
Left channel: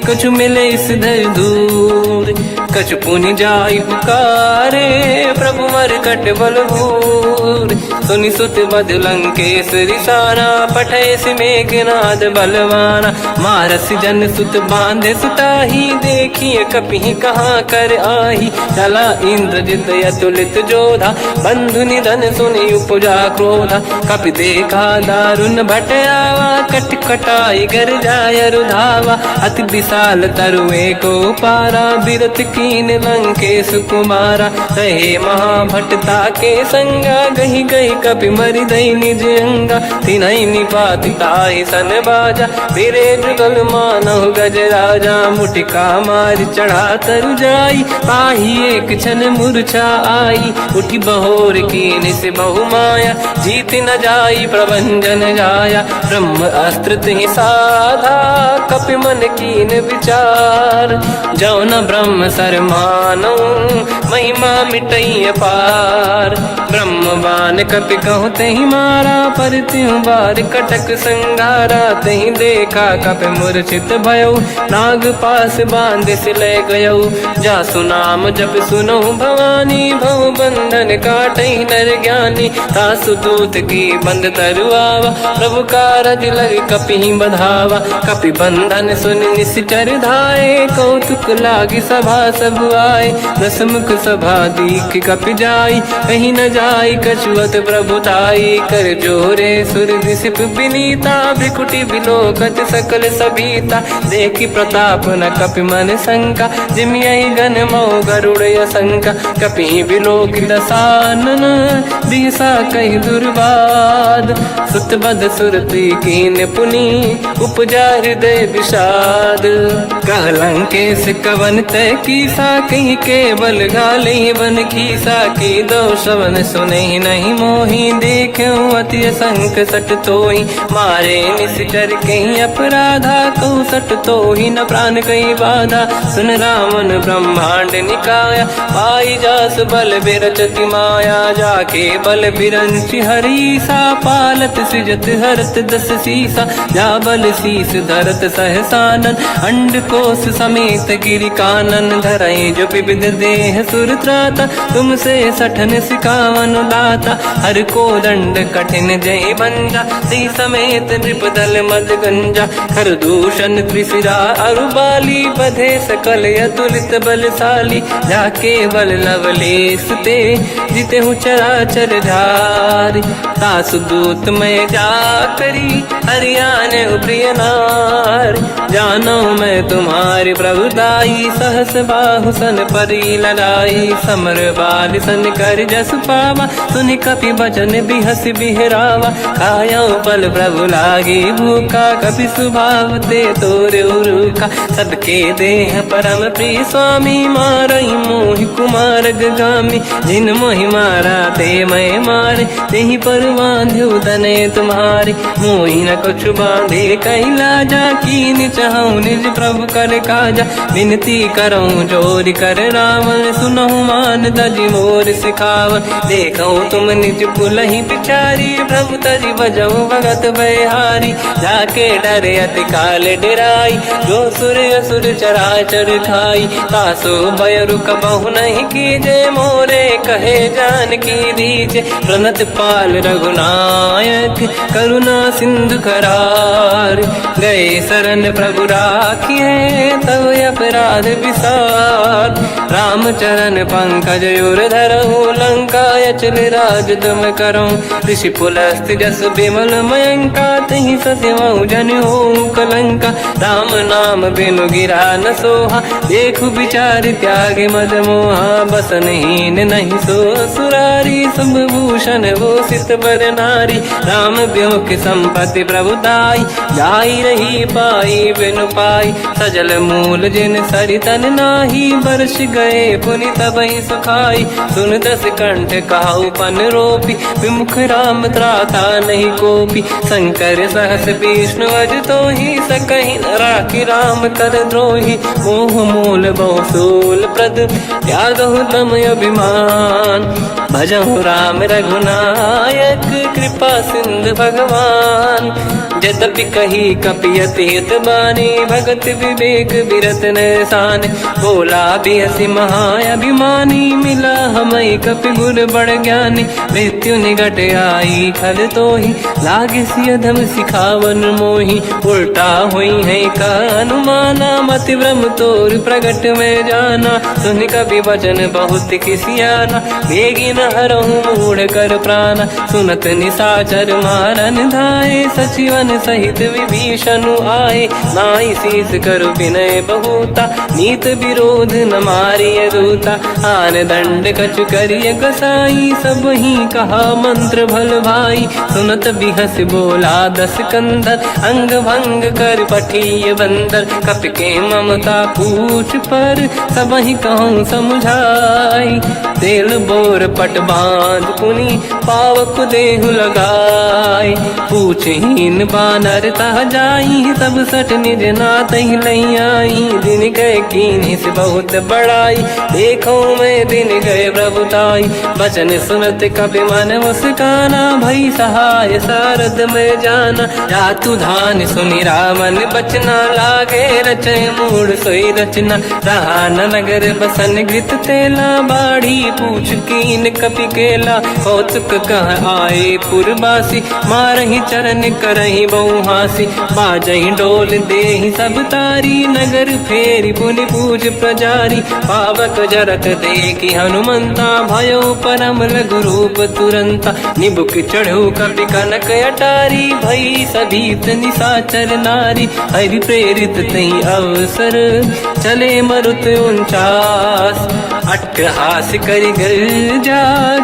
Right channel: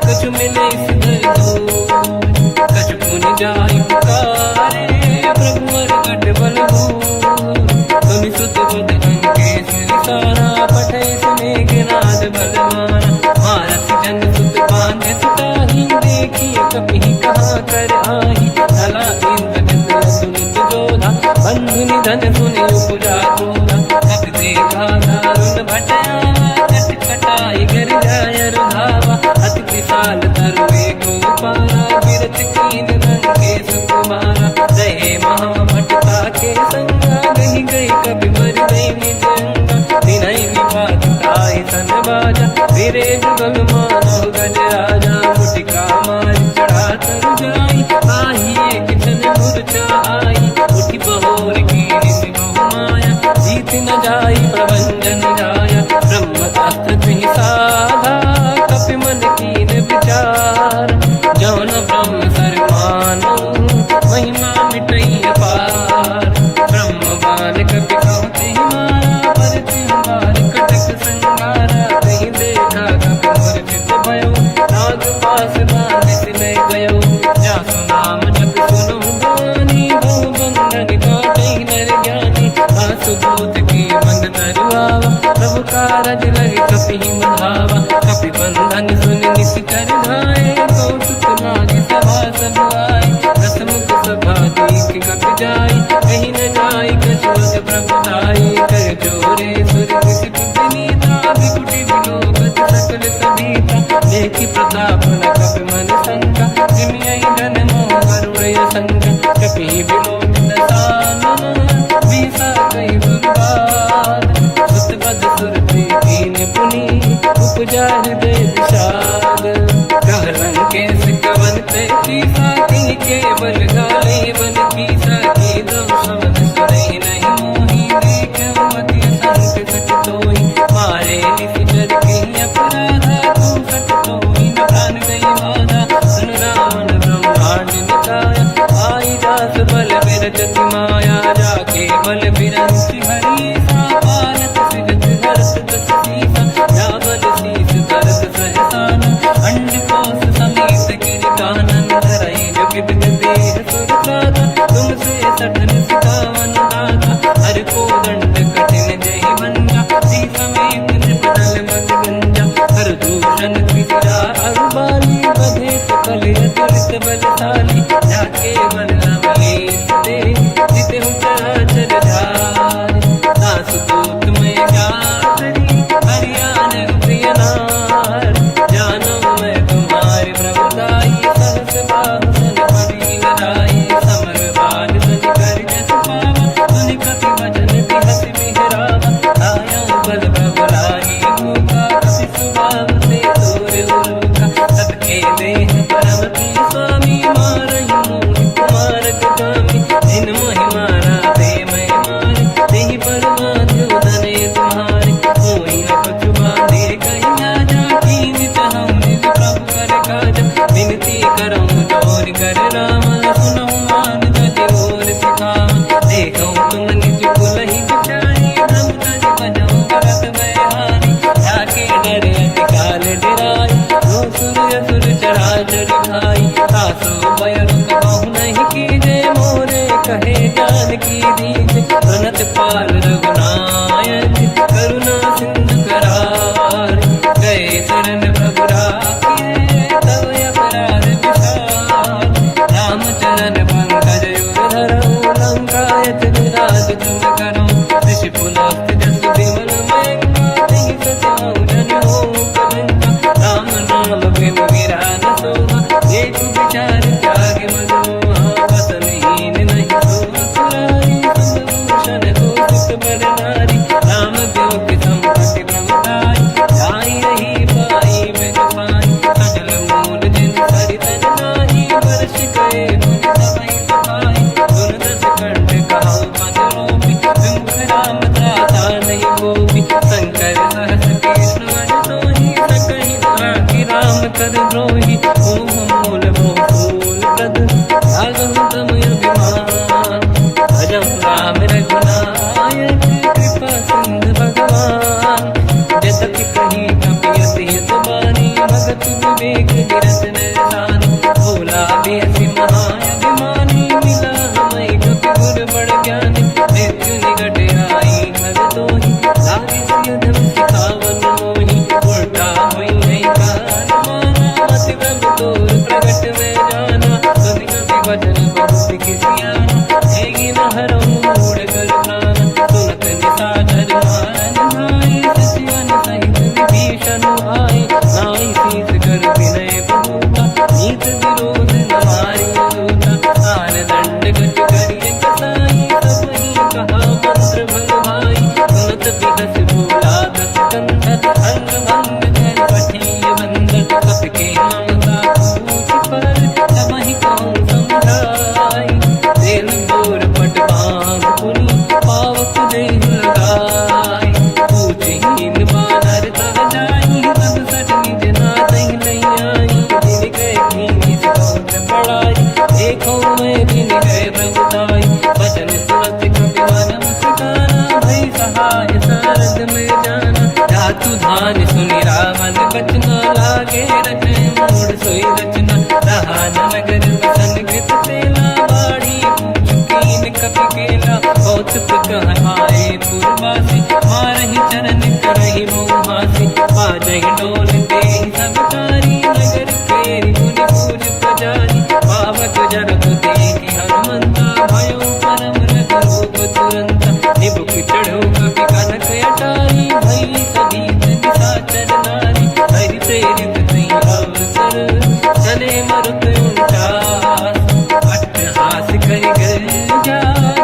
कछु मिले इस धर दूर। कछु पुनि जाई पुकारे, प्रभु मरकट बलभूर। सुनि सुत बद लंकेश्वरी सारा, पठय से मेघनाद बलवाना। मारस जन सुत बांधे सुताही, देखिए कपि कहाँ कर आही। चला इंद्रजित अतुलित जोधा, बंधु निधन सुनि उपजा क्रोधा। कपि देखा दारुण भट आवा, कट कटाई गर जाय रुधावा। अति विशाल तरुए को पारा, बिरत कीन लंकेश कुमारा। रहे महाभटता के संगा, दही गई कपि मरि दई निज अंगा। तिन्हि निपाति ताहि सन बाजा, फिरे जुगल मानहु गज राजा। मुटिका मारि चढ़ा तर जाई, पाही एक क्षण मूर्छा आई। उठि बहोर कीन से बहु माया, जीत न जाई प्रभंजन जाया। ब्रह्म अस्त्र तिहि साधा, कपि मन कीन विचार। जो न ब्रह्म सर मानो, महिमा मिटई अपार। ब्रह्म बान कपि कहु तहि मारा, पर तिहु बार कटक संगारा। तहि देखा कपि मूर्छित भयो, नाग पास बांध सिले गयो। जासु नाम जप सुनहु भवानी, भव बंधन काटे नर ज्ञानी। तासु दूत की बंद तरुआवा, प्रभु कारज लग कपि बधावा। कपि बंधन सुन निश्चर धाये, कौतुक लागी सभा सब आए। दसमुख सभा दीख कपि जाई, कहीं न जाई कछुअत प्रभु दाई। कर जोरे सुर दिसिप विनीता, बिकुटी बिलोकत सकल सबीता। देखी प्रताप न कपि मन शंका, जिमियहि जन्मो गरुड़ शंका। कपि बिलोक दसानन, दिशा कहि दुर्बाद। सुत बद सुरति कीन पुनी, उपजा हृदय विषाद। कहलंकेश कवन तय कीसा, कहीं केवल गाली बन कीसा। की दो शवन सुने नहीं मोही, देख्यो अति संत सट तोहि। मारे निश्चर कहीं अपराधा, तो सट तोहि न प्राण कहीं बाधा। सुन रावण ब्रह्मांड निकाया, पाई जास बल बिरचति माया। जाके बल बिरंचि हरीसा, पालत सिजत हरत दस सीसा। जा बल शीस धरत सहसानन, अंड कोश समेत गिरि कानन। धरई जो विविध देह सुर त्राता, तुमसे सठन सिखावन दाता। हर को दंड कठिन जय बंजा, सी समेत नृपदल मद गंजा। हर दूषण त्रिशिरा अरुबाली, बधे सकल अतुलित बलशाली। जाके बल लवलेश ते, जिते हूँ चराचर धारी। तासु दूत मैं जा करी, हरियाण प्रिय नार। जानो मैं तुम्हारी प्रभुदाई, सहस बाहु सन परी लड़ाई। समर बाल सन कर जस पावा, सुनि कपि बचन बिहस बिहरावा। खायो बल प्रभु लागी भूखा, कपि स्वभाव ते तोरे उरुका। सबके देह परम प्रिय स्वामी, मारई मोहि कुमार गगामी। जिन मोहि मारा ते मैं मारे, तेहि पर बांध्यो दने तुम्हारी। मोहि न कुछ बांधे कैलाजा, कीनि चाहूं निज प्रभु कर काजा। विनती करऊं जोरि कर रावण, सुनहु मान तज मोर सिखावन। देखऊं तुम निज कुलहि बिचारी, प्रभु तज बजऊं भगत बयहारी। जाके डरे अति काल डराई, जो सुर असुर चराचर खाई। तासु भय रुक बहु नहीं कीजे, मोरे कहे जान की दीजे। प्रणत पाल रघुनायक, करुणा सिंधु करार। गए शरण प्रभु राखिए, तव अपराध विसार। रामचरण पंकज उर धरऊं, लंका अचल राज तुम करऊं। ऋषि पुलस्त जस विमल मयंका, तहि सत्यवं जन होऊं कलंका। राम नाम बिनु गिरा न सोहा, देखु विचार त्यागे मद मोहा। बसनहीन नहीं सो सुरारी, शुभ भूषण भूषित बर नारी। राम ब्योम की संपत्ति प्रभुताई, जाई रही पाई बिनु पाई। सजल मूल जिन सरितन नाही, बरस गए पुनि तबहि सुखाई। सुन दस कंठ कहाऊ पन रोपी, विमुख राम त्राता नहीं कोपी। शंकर सहस विष्णु अज तोहि, सकहि न राखि राम कर द्रोही। मोह मूल बहु सूल प्रद, त्यागहु तम अभिमान। भजहु राम रघुनायक, कृपा सिंधु भगवान। यद्यपि कही कपि अतीत बानी, भगत विवेक विरत निशान। बोला बिहसि महाअभिमानी, मिला हमई कपि गुर बड़ ज्ञानी। मृत्यु निकट आई खल तोहि, लागे सियधम सिखावन मोहि। उल्टा हुई है का अनुमाना, मति भ्रम तोर प्रगट में जाना। सुन कपि वचन बहुत किसियाना, बेगी न हरहु मूढ़ कर प्राण। सुनत निशाचर मारन धाये, सचिवन सहित विभीषण आए। नाई शीस कर विनय बहुता, नीत विरोध न मारिय दूता। आन दंड कछु करिय कसाई, सब ही कहा मंत्र भल भाई। सुनत बिहस बोला दस कंदर, अंग भंग कर पठिय बंदर। कपि के ममता पूछ पर, सब ही कहूँ समझाई। तेल बोर पट बांध पुनि, पावक देहु लगाई। पूछहीन बात बानर तह जाई, सब सट निज नाथ ही लई आई। दिन गए कीनी से बहुत बड़ाई, देखो मैं दिन गए प्रभुताई। बचन सुनत कपि मन मुस्काना, भई सहाय सारद में जाना। जातु धान सुमिरा मन बचना, लागे रचे मूड सोई रचना। रहा न नगर बसन गीत तेला, बाढ़ी पूछ कीन कपि केला। कौतुक कह आए पुरबासी, मारही चरण करही बहु हासी। बाजही डोल देहि सब तारी, नगर फेरी पुनि पूज प्रजारी। पावक जरत देखी हनुमंता, भयो परम लघु रूप तुरंता। निबुक चढ़ो कपि कनक अटारी, भई सभीत निशाचर नारी। हरि प्रेरित तई अवसर, चले मरुत 49। अट्टहास करि गर्जा,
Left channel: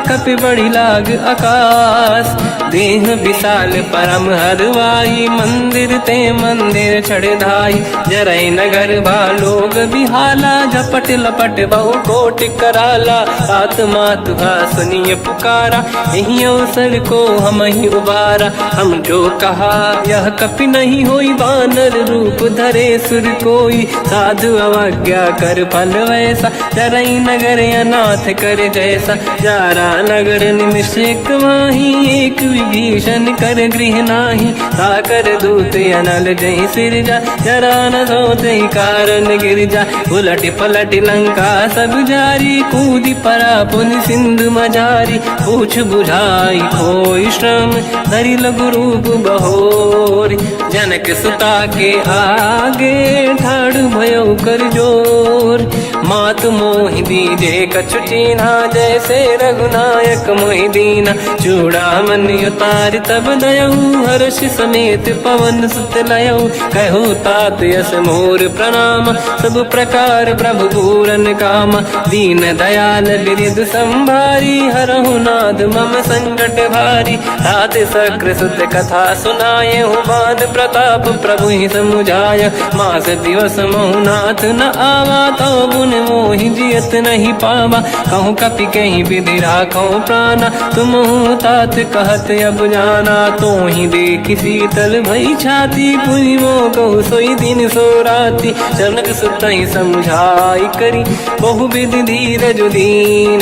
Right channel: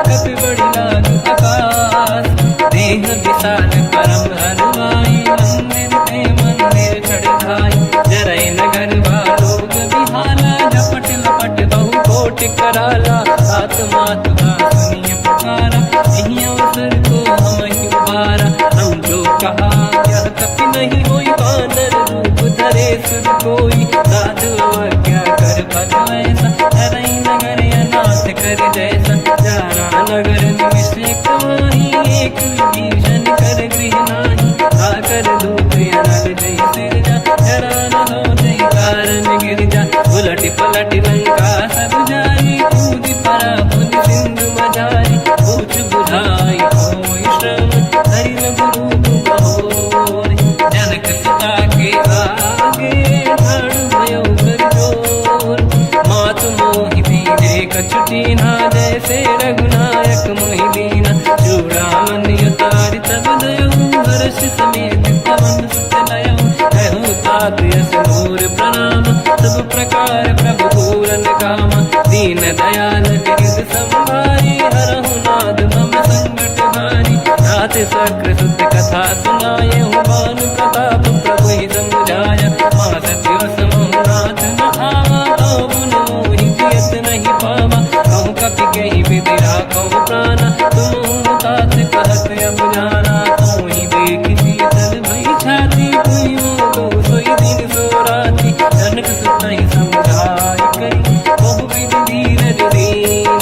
कपि बड़ी लाग आकाश। देह विशाल परम हरवाई, मंदिर ते मंदिर चढ़ धाई। जरई नगर बालोग बिहाला, झपट लपट बहु कोट कराला। आत्मात का सुनिय पुकारा, यही अवसर को हम ही उबारा। हम जो कहा यह कपि नहीं होई, बानर रूप धरे सुर कोई। साधु अवज्ञा कर फल वैसा, जरई नगर अनाथ कर जैसा। जारा नगर निमिषेक माही, एक विभीषण कर गृह नाही। ताकर दूत अनल जय सिरजा, जरा न सोते कारण गिर जा। उलट पलट लंका सब जारी, कूदी परा पुन सिंधु मजारी। पूछ बुझाई कोई श्रम, हरि लघु रूप बहोरी। जनक सुता के आगे, ठाड़ भयो कर जोर। मात मोहि दीजे कछु कीन्हा, जैसे रघुनायक मोहि दीना। चूड़ामणि उतारि तब दयऊ, हर्ष समेत पवन सुत लयऊ। कहु तात यस मोर प्रणाम, सब प्रकार प्रभु पूरन काम। दीन दयाल गिरिध संभारी, हरहु नाद मम संकट भारी। तात सक्र सुत कथा सुनाए, हूँ बान प्रताप प्रभु ही समुझाय। मास दिवस महु नाथ न आवा, तो बुन मोहि जियत नहीं पावा। कहूँ कपि कहीं विधि राखो प्राणा, तुम तात कहत अब जाना। तो ही देखी शीतल भई छाती, पुनि मोह कहु सोई दिन सो राति। जनक सुत ही समझाई करी, बहु विधि धीरज दीन।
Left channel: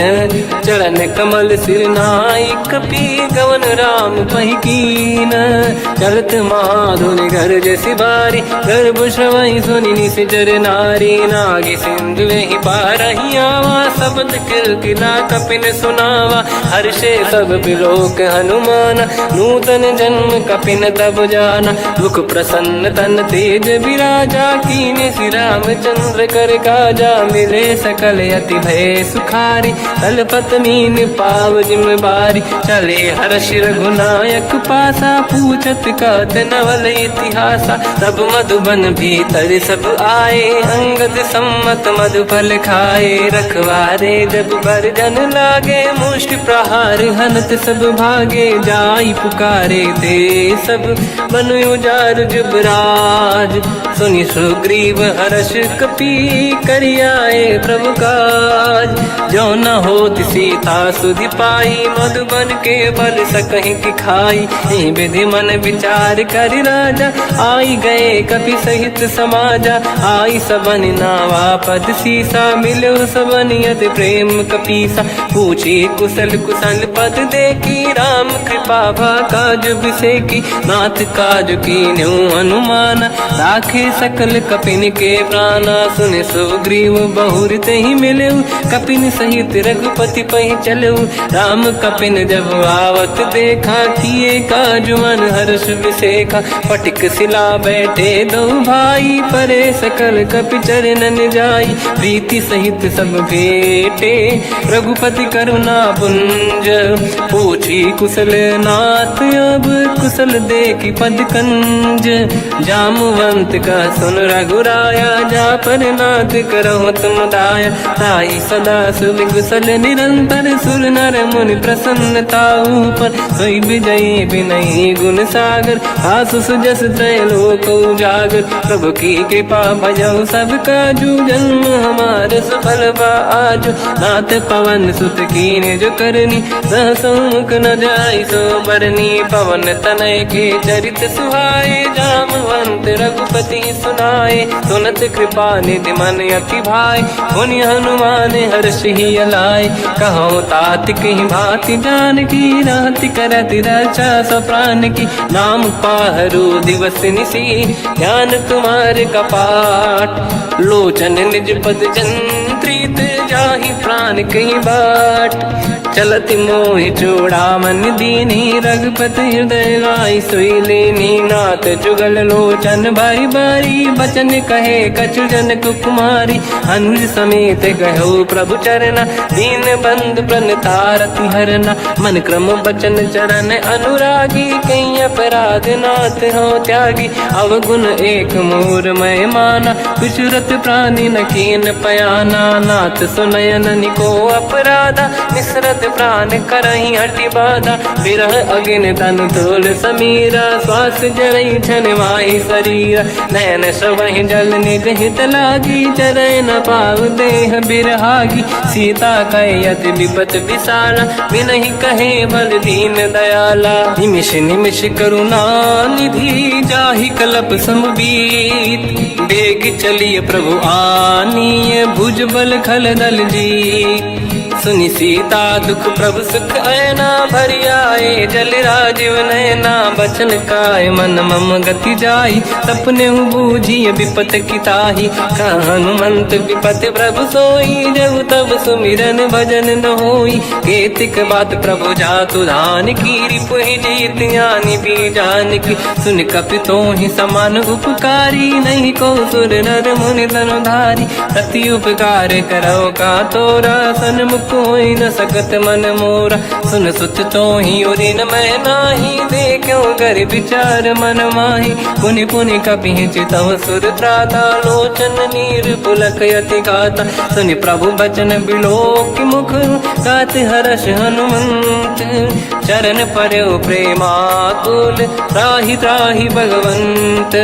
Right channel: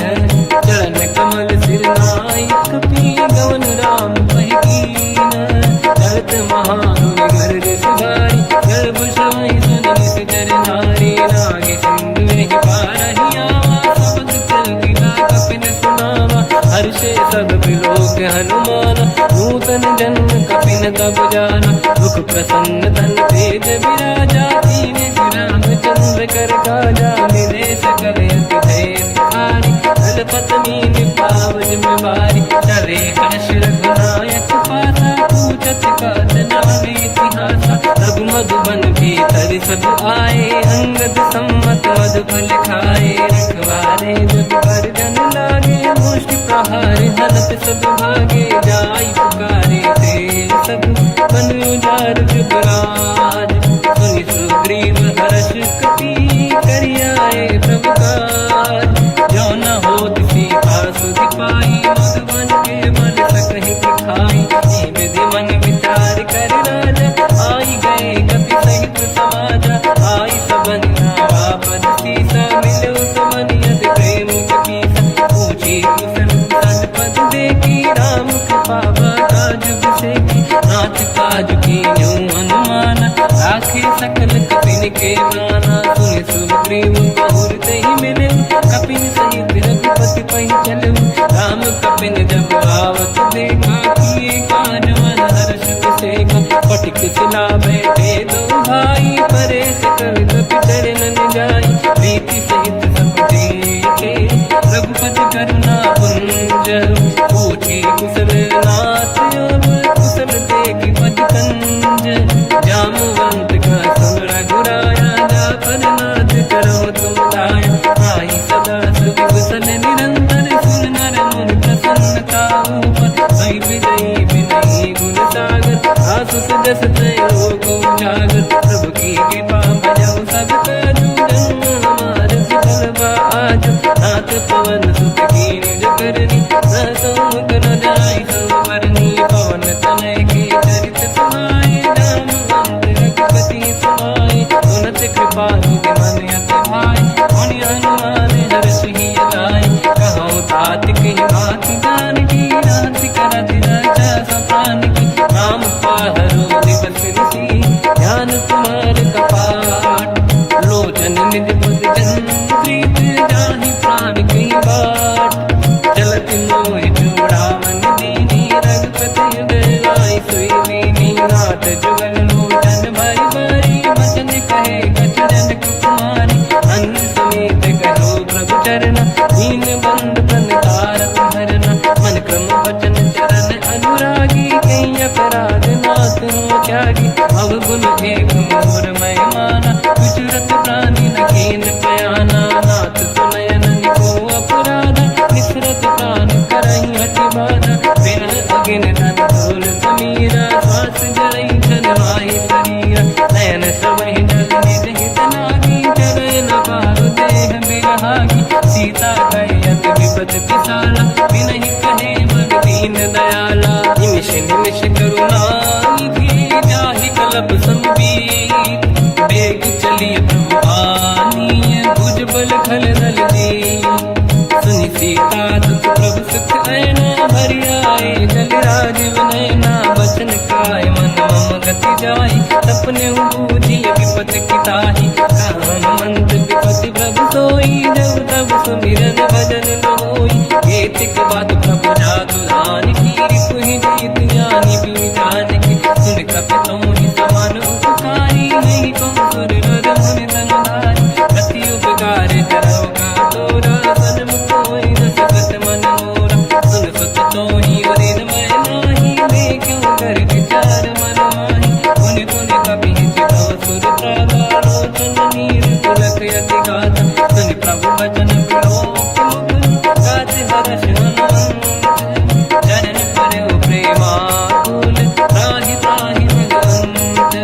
चरण कमल सिर नाई, कपि गवन राम पहि कीन। चलत महाधुनि गर्ज सिबारी, गर्भ श्रवई सुनि निशिचर नारी। नागे सिंधु ही पारही आवा, शब्द कीर्तिना कपिन सुनावा। हर्षे सब बिलोक हनुमान, नूतन जन्म कपिन तब जाना। मुख प्रसन्न तन तेज विराजा, कीने श्री रामचंद्र कर काजा। मिले सकल अति भय सुखारी, तलपत मीन पाव जिम बारी। चले हर्ष रघुनायक पासा, पूछत कात नवल इतिहासा। तब मधुबन भीतर सब आए, अंगद सम्मत मधुफल खाए। रखवारे जब पर जन लागे, मुष्टि प्रहार हनत सब भागे। जाई पुकारे ते सब, मन उजार जुबराज। सुनि सुग्रीव हर्ष कपि, करियाए प्रभु काज। जो न होत सीता सुधि पाई, मधुबन के बल सकहि खाई। विधि मन विचार कर राजा, आई गए कपि सहित समाजा। आई सबन नावा पद सीसा, मिलो सबन यत प्रेम कपीसा। पूछी कुशल कुशल पद देखी, राम कृपा काज बिसेकी। नाथ काज कीन्हु हनुमाना, राखे सकल कपिन के प्राणा। सुन सुग्रीव बहुर तेहि मिलऊ, कपिन सहित रघुपति पहि चलऊ। राम कपिन जब आवत देखा, किए काज मन हर्ष बिसेखा। पटिक सिला बैठे दो भाई, परे सकल कपि चरणन जाई। प्रीति सहित सब बेटे, रघुपति करुणा पुंज। पूछी कुशल नाथ अब, कुशल देखी पद कंज। जामवंत का सुन रघुराया, जा पर नाथ करो तुम दाया। ताई सदा सुविकुशल निरंतर, सुर नर मुनि प्रसन्नता ऊपर। सोई विजयी विनयी गुण सागर, आसु सुजस त्रैलोक उजागर। प्रभु की कृपा भजऊ सब काजू, जन्म हमार सफल बा आज। नाथ पवन सुत कीन्ह जो करनी, सहसो मुख न जाय सुमरनी पवन तनय के चरित सुहाए जामवंत रघुपति सुनाए सुनत कृपा निधि मन अति भाई मुनि हनुमान हर्षि अलाय कहो तात कही भांति जान की राति करत रक्षा सप्रान की नाम पाहरो दिवस निसी ध्यान तुम्हारे कपाट लोचन निज पद चंद्रित जाहि प्राण कहीं बाट चलत मोहि चूड़ामन दीनी रघुपति हृदय लाई सोई लेनी नाथ जुगल लोचन भाई बारी बचन कहे कछु जन कुमारी अंज समेत कहो प्रभु चरना दीन बंधु प्रणितारत हरना मन क्रम बचन चरण अनुरागी कहीं अपराध नाथ हो त्यागी अवगुण एक मोर मैं माना विचुरत प्राणी न कीन पयाना नाथ सुनयन निको अपराधा मिश्रत प्राण करही हटि बाधा विरह अगिन तन तोल समीरा श्वास जरई छनवाई शरीरा नयन सबहि जल निज हित लागी चरय न पाव देह बिरहागी सीता कहि अति विपत विसाला बिनहि कहे बल दीन दयाला निमिष निमिष करुणा निधि जाहि कलप संबीत बेग चलिए प्रभु आनीय भुज बल खल दल जी सुनि सीता दुख प्रभु सुख ऐना भरि आए जल राजीव नैना बचन काय मन मम गति जाई सपने बूझिए विपत किताही हनुमंत विपत प्रभु सोई जब तब सुमिरन भजन न होई केतिक बात प्रभु जातु धान की रिपुहि जीत यानि भी जान की सुन कपितो ही समान उपकारी नहीं को सुर नर मुनि तनुधारी प्रति उपकार करो का तोरा सन्मुख कोई न सकत मन मोरा सुन सुत तो ही उरी न मैं नाही देखो कर विचार मन माही पुनि पुनि कपि चितव सुर त्राता लोचन नीर पुलक यति गाता सुनि प्रभु बचन बिलोक मुख गात हर्ष हनुमंत चरण पर्यो प्रेमाकुल त्राहि त्राहि भगवंत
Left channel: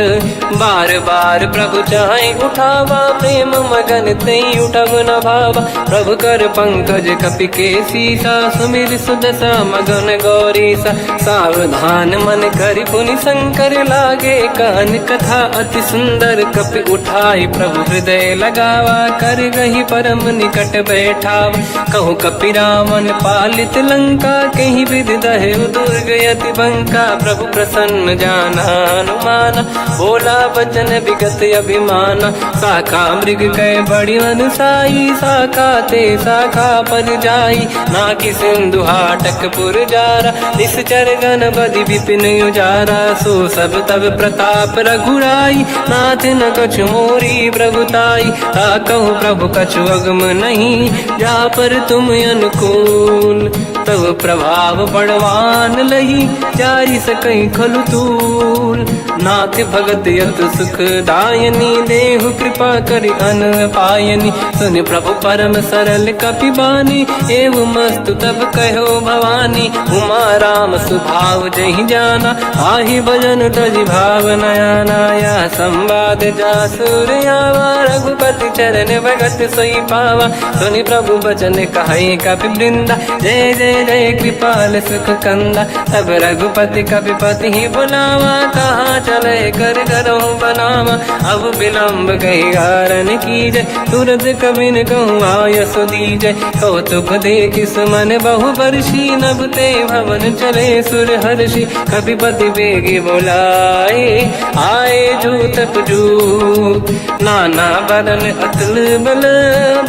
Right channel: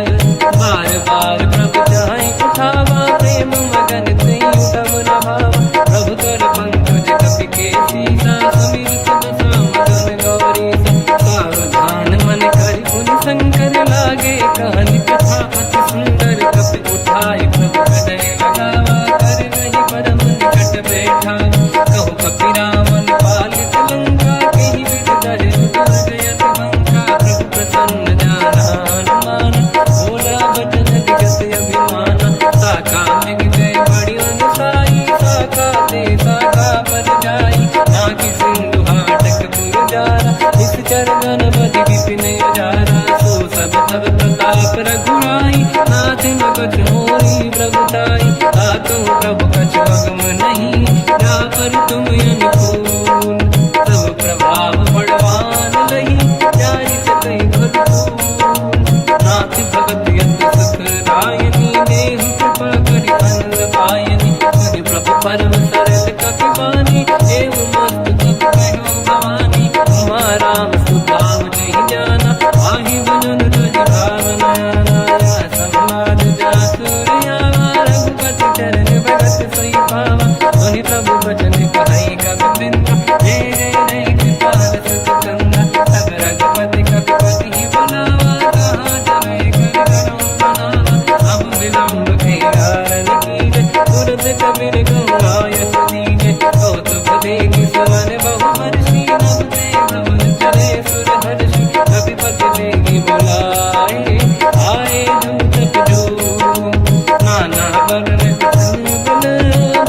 बार बार प्रभु चाहे उठावा प्रेम मगन ते उठब न भावा प्रभु कर पंकज कपि के सीसा सुमिर सुदशा मगन गौरीसा सावधान मन करि पुनि शंकर लागे कान कथा अति सुंदर कपि उठाई प्रभु हृदय लगावा कर गही परम निकट बैठावा कहु कपि रावण पालित लंका कहीं विद दहे दुर्ग यति बंका प्रभु प्रसन्न जाना अनुमाना बोला बचन विगत अभिमाना शाखा मृग गए बड़ी अनुसाई शाखा ते शाखा पर जाई नाकि सिंधु हाटक पुर जारा निश्चर गण बदि विपिन उजारा सो सब तब प्रताप रघुराई नाथ न कछु मोरी प्रभुताई कहु प्रभु कछु अगम नहीं जा पर तुम अनुकूल तब प्रभाव बड़वान लही जारी सकई खलु तूल नाथ भगत यत सुख दायनी देहु कृपा करि अन पायनी सुनि प्रभु परम सरल कपि बानी एव मस्त तब कहो भवानी उमा राम सुभाव जहि जाना आहि भजन तजि भाव नयाना या संवाद जासुर आवा रघुपति चरण भगत सोई पावा सुनि प्रभु बचन कहे कपि वृंदा जय जय जय कृपाल सुख कंदा तब रघुपति कपिपति ही बनावा कहाँ चले कर करो बनावा अब विलम्ब कही कारण कीजय तुरंत कबिन कहूँ आयस दीजय कौतुक देख सुमन बहु वर्षी नभ ते भवन चले सुर हर्षि कपिपति बेगी बुलाए आए जूतक जूत नाना बदल अतल बल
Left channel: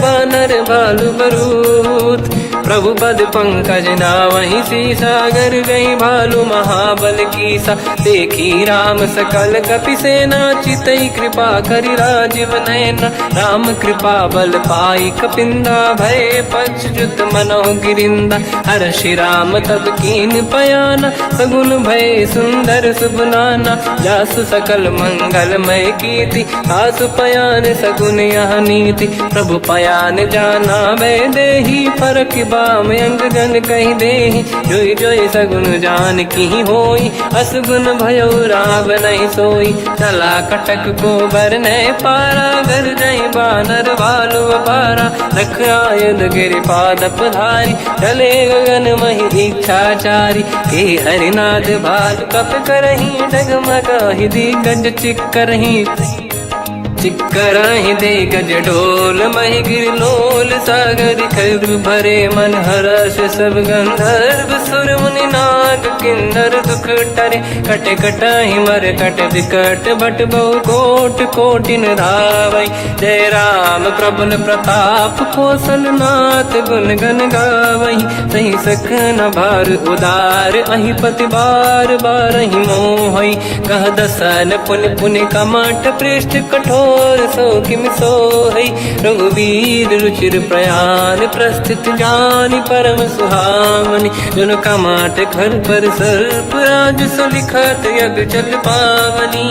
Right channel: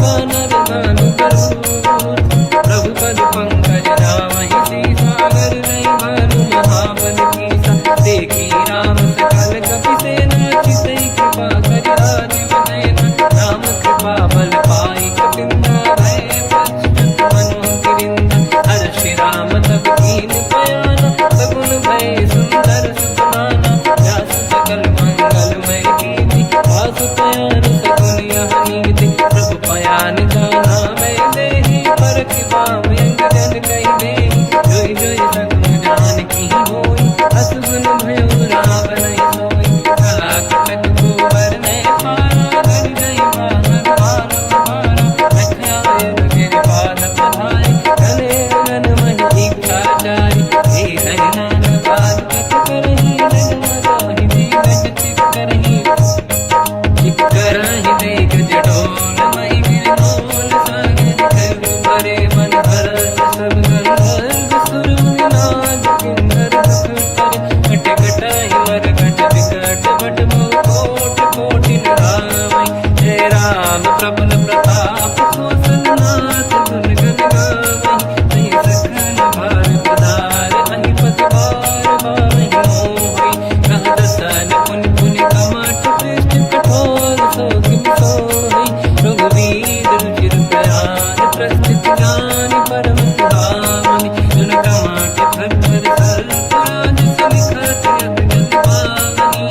बानर बालु बरूत प्रभु पद पंकज नावहि सीसागर गई भालू महाबल कीसा देखी राम सकल कपि सेना चितई कृपा करि राजीव नयना राम कृपा बल पाई कपिंदा भय पश्चुत मनो गिरिंदा हर्षि राम तब कीन पयाना सगुन भय सुंदर सुबनाना जासु सकल मंगलमय कीर्ति आसु पयान सगुन यह नीति प्रभु पयान जाना भय देहि परख बाम अंग जन कहि देहि जोई जोई सगुन जान की होई असगुन भयो राव नहीं सोई चला कटक को बर ने पारा घर जई बानर भालु अपारा रख आयल गिरि पाद पधारी चले गगन महि इच्छाचारी हे हरिनाथ भाल कप करही डगमगाहि दिग्गज चिक्करहि दिग्गज डोल महि गिरलोल सागर खर भरे मन हर्ष सब गंधर्व सुर मुनि नाग किन्नर दुख टरे कट कटाहि मर कट विकट भट बहु कोट कोटिन धावै जय राम प्रबल प्रताप कोसन नाथ गुण गन गावै सही सखन भार उदार अहि पति बार बारहि मोहै कह दसन पुन पुन कमठ पृष्ठ कठोर सो किम सोहै रघुवीर रुचिर प्रयाण प्रस्थित ज्ञान परम सुहामनि जुन कमठ घर पर सर्प राज सविखत यग जल पावनी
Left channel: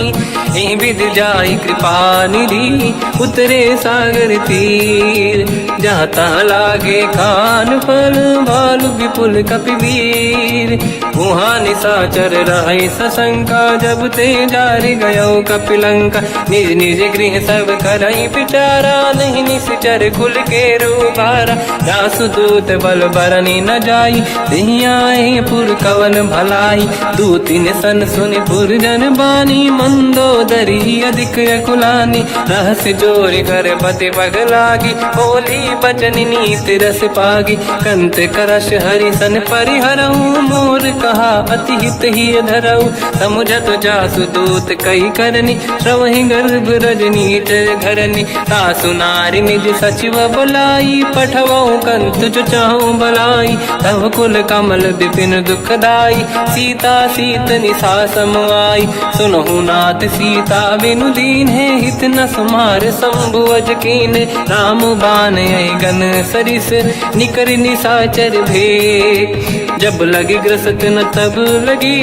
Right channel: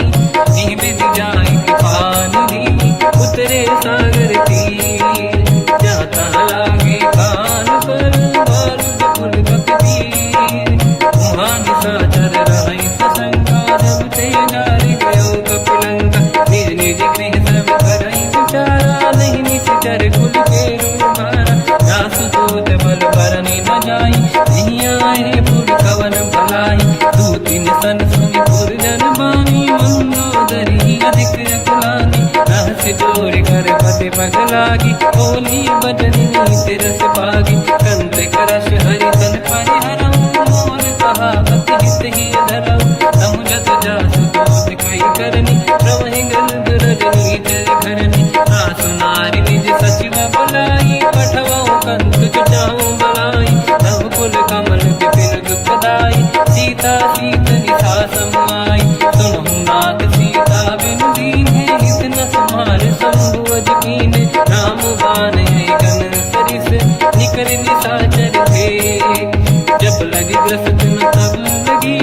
एहि विध जाहि कृपा निधि उतरे सागर तीर जाता लागे खान फल भालु विपुल कपिवीर गुहा निशाचर रहि सशंका जब ते जारि गयो कपिलंका निज निज गृह सब करई विचारा नहीं निश्चर कुल के रूबारा जासुदूत बल बरनी न जाई दिहियाए पुर कवन भलाई दूतिन सन सुनि पुर जन बानी मंदोदरी अधिक अकुलानी रहस्य जोरी कर पति पग लागी होली बचन नीति रस पागी कंत करश हरि सन परिहरऊ मोर कहा अति हित ही धरऊ समुझत जासु दूत कई करनी श्रवहि गर्भ रजनी जय धरनी सासु नारी निज सचिव बुलाई पठवऊ कंत चुचाऊ बलाई तव कुल कमल विपिन दुखदाई सीता सीत निशा समाई सुनहु नाथ सीता बिनु दीन है हित न समार संभुवज कीन राम बान गन सरिस निकर निशाचर भेद जब लगी ग्रसत न तब लगी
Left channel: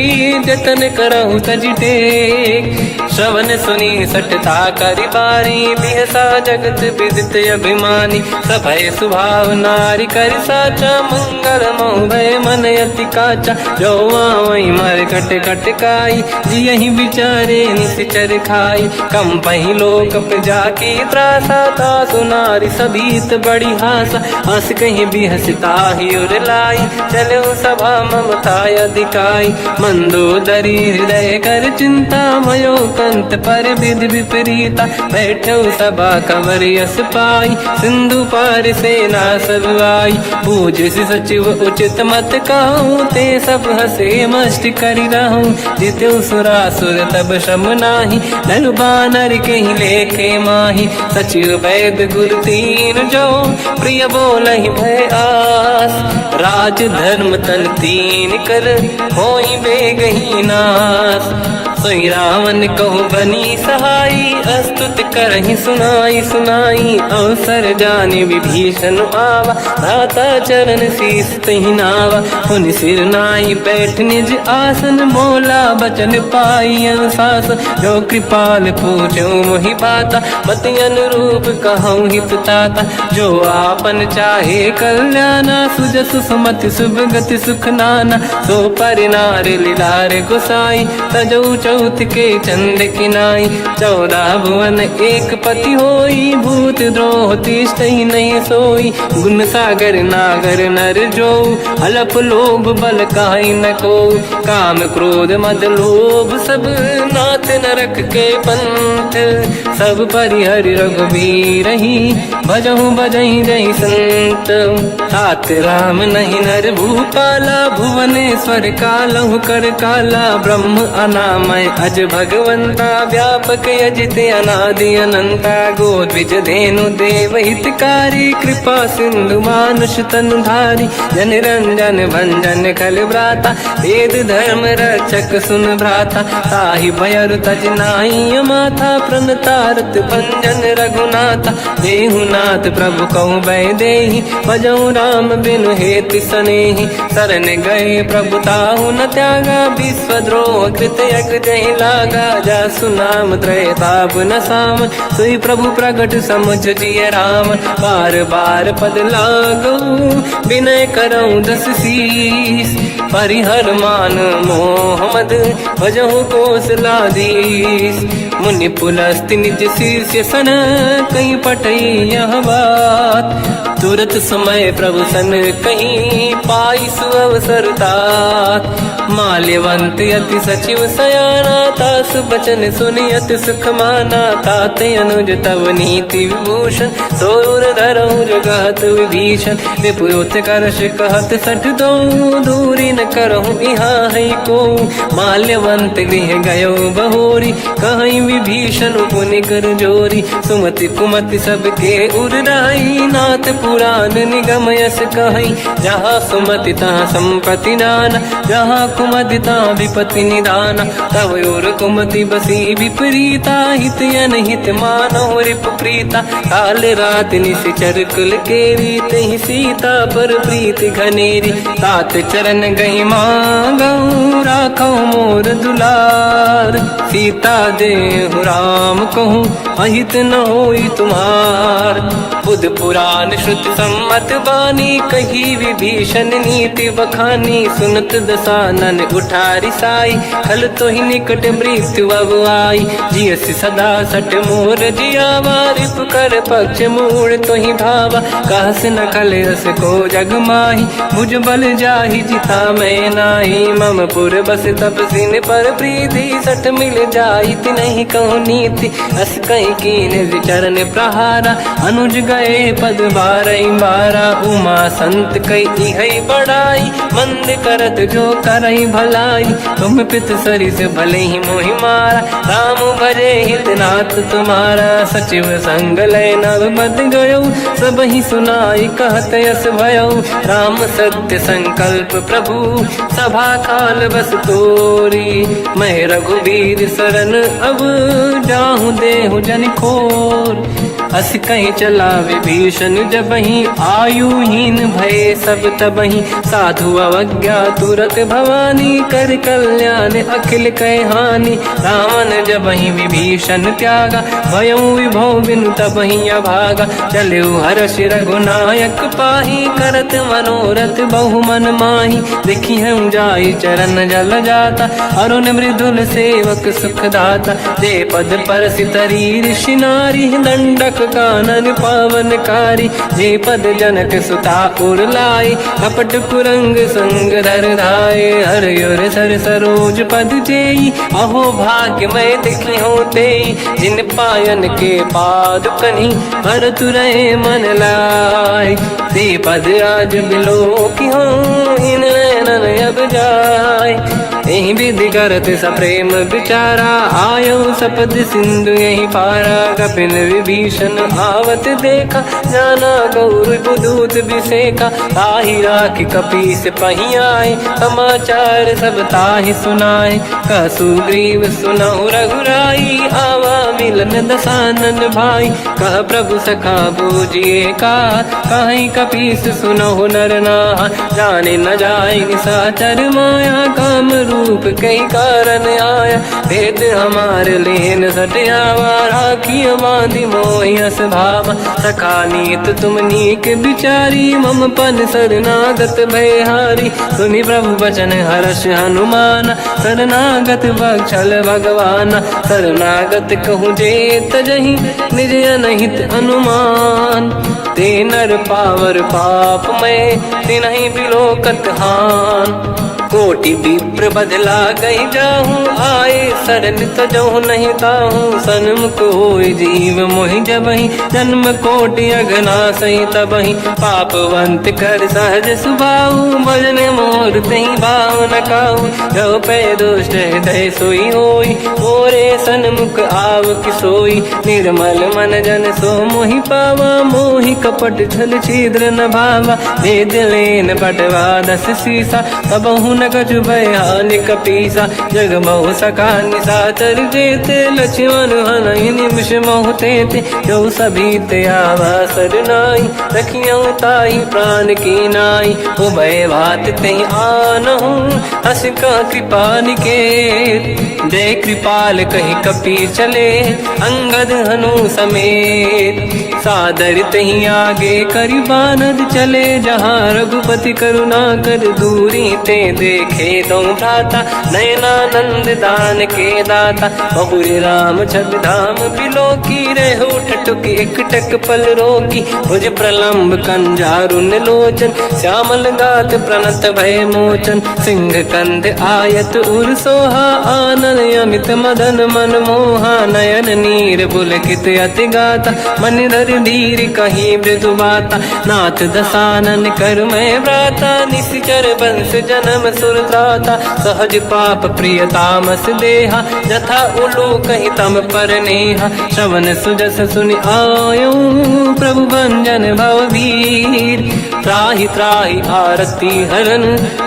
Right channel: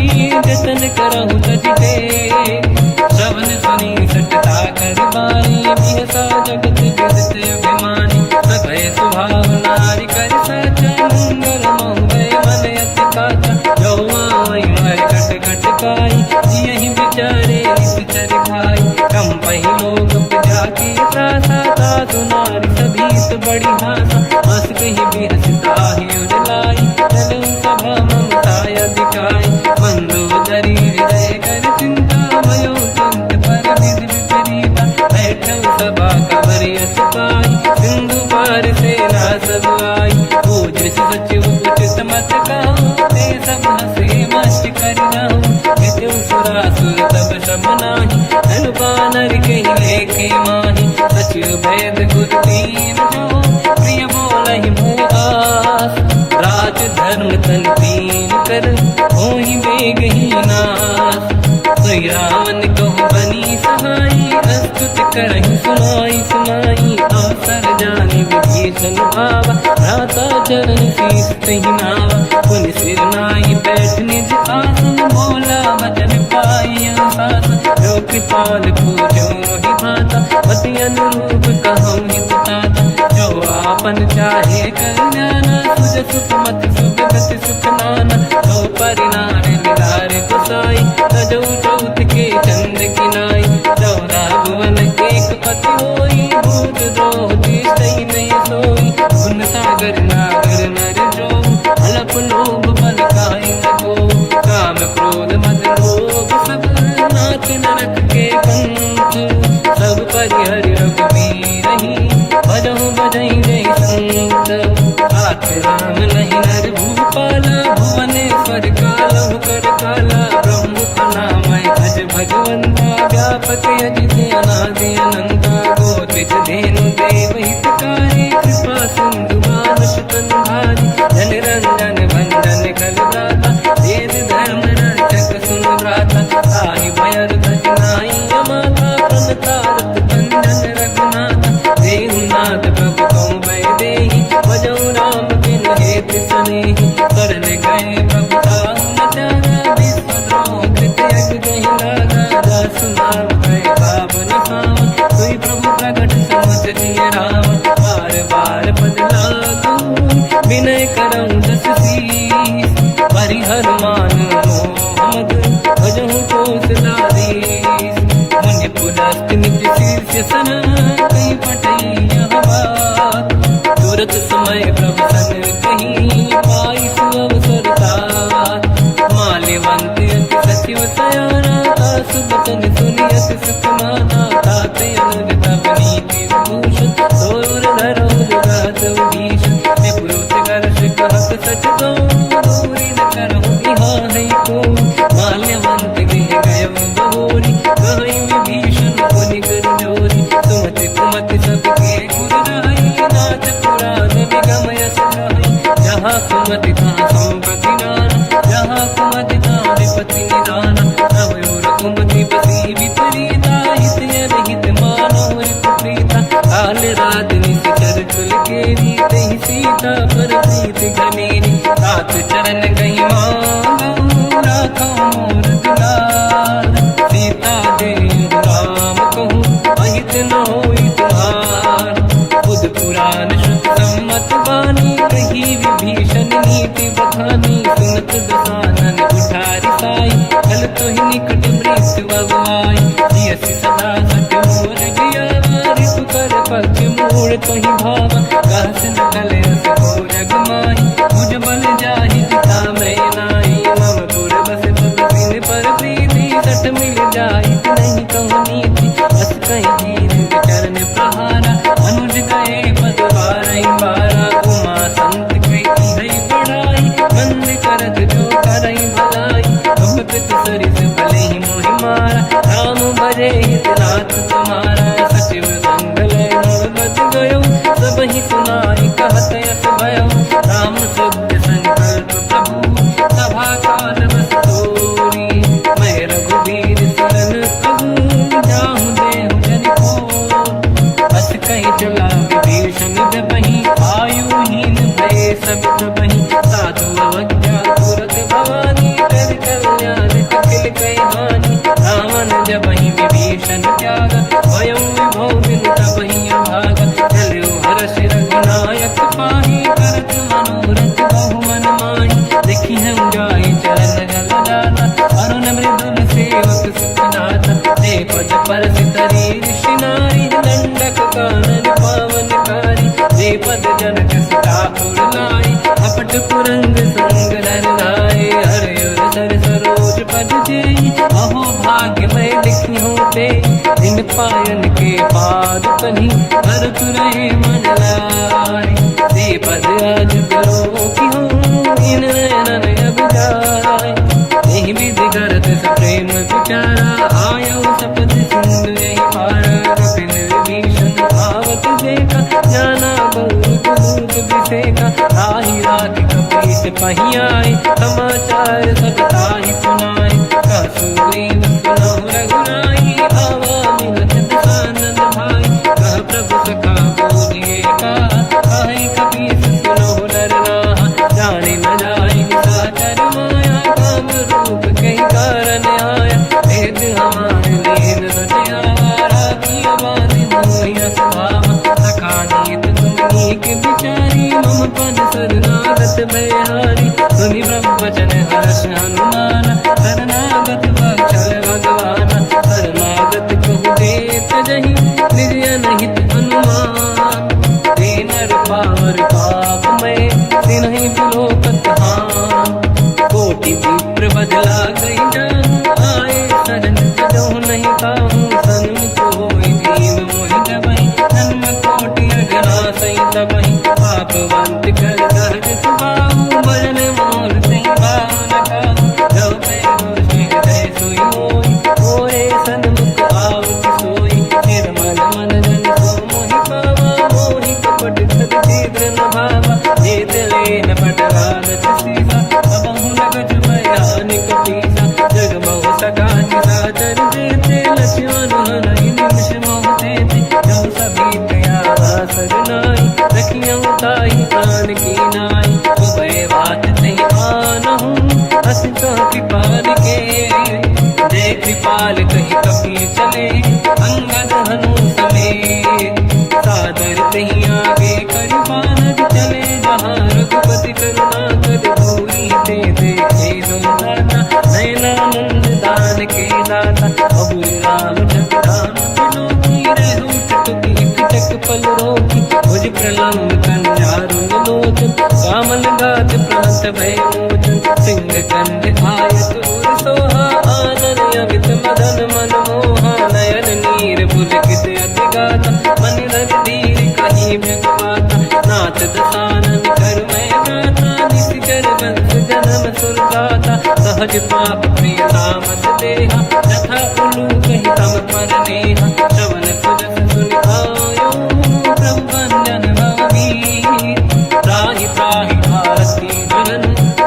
जतन करहु तज टेक श्रवण सुनी सटता करि बारी बिहसा जगत विदित अभिमानी सभय सुभाव नारी कर साचा मंगल मोह भय मन अति काचा जो आवई मर कट कट काई जियहि विचारे निश्चर खाई कम पहि लोक प्रजा की त्रासा था सुनारी सभीत बड़ी हासा हंस कहीं भी हंसता ही उड़लाई चलो सभा ममताय दिखाई मंदोदरी हृदय कर चिंता भयो कंत पर विध विपरीता बैठो सभा कंवर यस पाई सिंधु पार सेना सब आई पूज सचिव उचित मत कहूँ ते सब हसे मस्त करि रहूं जितु सुरासुर तब शम नाही धनु बानर कहीं लेखे माही सचिव वैद गुरु तीन जो प्रिय बोलहि भय आस राज धर्म तन तीन कर होई बेगही नास सोई रावण कहु बनी सहाई अस्तुत करहि सुनाई सुनाई अवसर जाने विभीषण आवा दाता चरण शीस तहि नावा हुन सिर नाई बैठ निज आसन मोला बचन पाई अनुशास जो कृपाल पूजो मोहि पाता मति अनुरूप कहूँ हित ताता जो आपन चाहे कल्याणा सुजस सुमति शुभ गति सुख नाना तो पर नारी लीलार गोसाई तजौ चौथ के चंद किनाई 14 भुवन एक पति होई भूत द्रोह तिष्ठई नहीं सोई गुण सागर नागर नर जो अलप लोभ बल काई न को काम क्रोध मद लोभ सब नाथ नरक के पंथ सब परिहरि रघुबीर ही भजहु बजहि जहि संत हाथ राम नहीं नर भूपाला भुवनेश्वर कालहु कर काला ब्रह्म अनामय अज भगवंता व्यापक यजित अनादि अनंता गोद्विज धेनु देव हितकारी कृपा सिंधु मानुष तनु धारी जन रंजन भंजन कल व्राता वेद धर्म रक्षक सुन भ्राता ताहि भयर तज नाहि माथा प्रणतारत भंजन रघुनाथा देहुनाथ प्रभु कहु बै देहि भजऊ राम बिन हेतु सनेहि शरण गए प्रभु ताहु न त्यागा विश्वद्रोह कृत यक जहि लागा जासु नाम त्रयताप न साम सोई प्रभु प्रगट समुझ जिय राम बार बार पद लागू विनय करऊँ दस शीस परिहर मान मोहम्मद भजहु कौशलाधीश मुनि पुलस्त्य निज शिष्य सन कहीं पटई यह बात। तुरत समय प्रभु सन कहीं पाई सुअवसर तात। माल्यवंत अति सचिव सयाना तास बचन सुनियत सुख माना। ताते अनुज तव नीति विभूषण सोर धरऊ जगत विभीषण। विपुरोत करश कहत सठ दो दूरी न करहु यहाँ है को। माल्यवंत गृह गयो बहोरी कहीं विभीषण पुनि कर जोरी। सुमति कुमति सबके उड़ाई नाथ पुराण निगम यस कहीं। जहाँ सुमति तहाँ संपत्ति दान जहाँ कुमति तहाँ विपत्ति निदान। तव और कुमति बसी विपरीता हित अनहित मानव रिप प्रीता। काल रात निश्चर कुल केरी तहि सीता पर प्रीत घनेरी। तात चरण गई मांगऊ राखो मोर दुलार। सीता देहु राम कहूँ अहित न होई तुम्हार। बुध पुराण श्रुत सम्मत बानी कही विभीषण नीति बखानी। सुनत दसानन उठारी साई खल तो ही निकट मृत्यु अब आई। जियस सदा सट मोर जियावा कर पक्ष मूड़ तो ही भावा। कहस न कल रस को जग माही भुज बल जाहि जिता मैं नाई। मम पुर बस तप सिन पर प्रीति सत मिल जाई नहीं कहूँ नीति। अस कहीं कीन चरण प्रहारा अनुज गए पद बारई बारा। उमा संत कई है बड़ाई मंद करत जो करई भलाई। तुम पित सरिस भले ही मोहि मारा राम भजे हितनाथ तुम्हारा। सचिव संग लय नव बद गयो सब ही सुनाई कहत यस भयो। राम सत्य संकल्प प्रभु सभा काल बस तोरी। मैं रघुवीर शरण अब जाहूँ देहु जन खोर। अस कहीं चला विभीषण जबहि आयुहीन भये सब तबहि। साधु अवज्ञा तुरत भवानी कर कल्याण अखिल कह हानि। रावण जबहि विभीषण त्यागा भयउ विभव बिनु तबहि अभागा। चलऊ हर्ष रघुनायक पाहि करत मनोरथ बहु मन माहि। देखी हम जाई चरण जल जाता अरुण मृदुल सेवक सुख दाता। जे पद पर सितरी ऋषि नारी दंडक कानन पावनकारी। जे पद जनक सुता उड़लाई कपट कुरंग संग धर धाय। हर योर सर सरोज पद जेई अहो भाग्य मैं देखी होते। जिन पायन के पाद कहीं हर तुरहे मन लाई। ते पद आज बिलो की हो इन नैनन अब जाय। यही विधि करत सप्रेम विचारा आयो सपद सिंधु यही पारा। कपिन विभीषण आवत देखा जाना गौर दूत विसेका। ताहि राख कपीस पही आए समाचार सब ताहि सुनाए। कह सुग्रीव सुनहु रघुराई आवा मिलन दसानन भाई। कह प्रभु सखा पूजिए का कहीं कपीस सुनहु नर नाहा। जाने न जाए साचर माया काम रूप कई कारण आया। भेद हमार लेन सटयावा राखी बांधी मोहि अस भावा। सखा नीत तुम नीक बिचारी मम पन शरणागत भयहारी। सुनि प्रभु वचन हर्ष हनुमान शरणागत बक्षल भगवान। शरणागत कहूँ जे तजहि निज अनहित अनुमान। ते नर पावर पाप मैं तिन्हि बिलोकत हान। कोटि विप्र बदला गई जाऊँ आए शरण तजहु नहीं ताहूँ। सन्मुख होय जीव मोहि जबहि जन्म कोटि अगना सही तबहि। पापवंत कर सहज सुभाऊ भजन मोर तहि भाव न काहू। जो पे दुष्ट हृदय सोई होई मोरे सन्मुख आव किसोई। निर्मल मन जन सो मोहि पावा मोहि कपट छल छिद्र न भावा। भेद लेन पटवा दस सीसा सबहु न कछु भयानि कपीसा। जग बहु सका निशाचर जेते लक्ष्मण हनहि निमिष मोह तेते। जो सभी ते आवा सरनाई रखियौ ताहि प्राण की नाई। उभय बात ते आनहु हस का कृपा निकेत। जय कृपाल कहीं कपि चले अंगद हनु समेत। सादर तहीं आगे करि बानद चले जहाँ रघुपति करुणा कर दूरी ते देखे दो दाता। नयनानंद दान के दाता बहुज राम छग धाम बिलो की रह उठ टुक एक टक पल रोकी। मुझ प्रलम्ब कंजारुन लोचन श्यामल गात प्रणत भय मोचन। सिंह कंद आयत उर सोहा आनन अमित मदन मन मोहा। नयन नीर पुलकित अति गाता मन धर धीर कहीं मृदु बाता। नाथ दसानन कर मैं व्राता निश्चर वंश जन्म सुरताता। सहज पाप प्रिय तामस देहा जथा उलू कहीं तम पर नेहा। श्रवण सुजस सुनि आयो प्रभु भंजन भवधीर। त्राहि त्राहि आरती हरन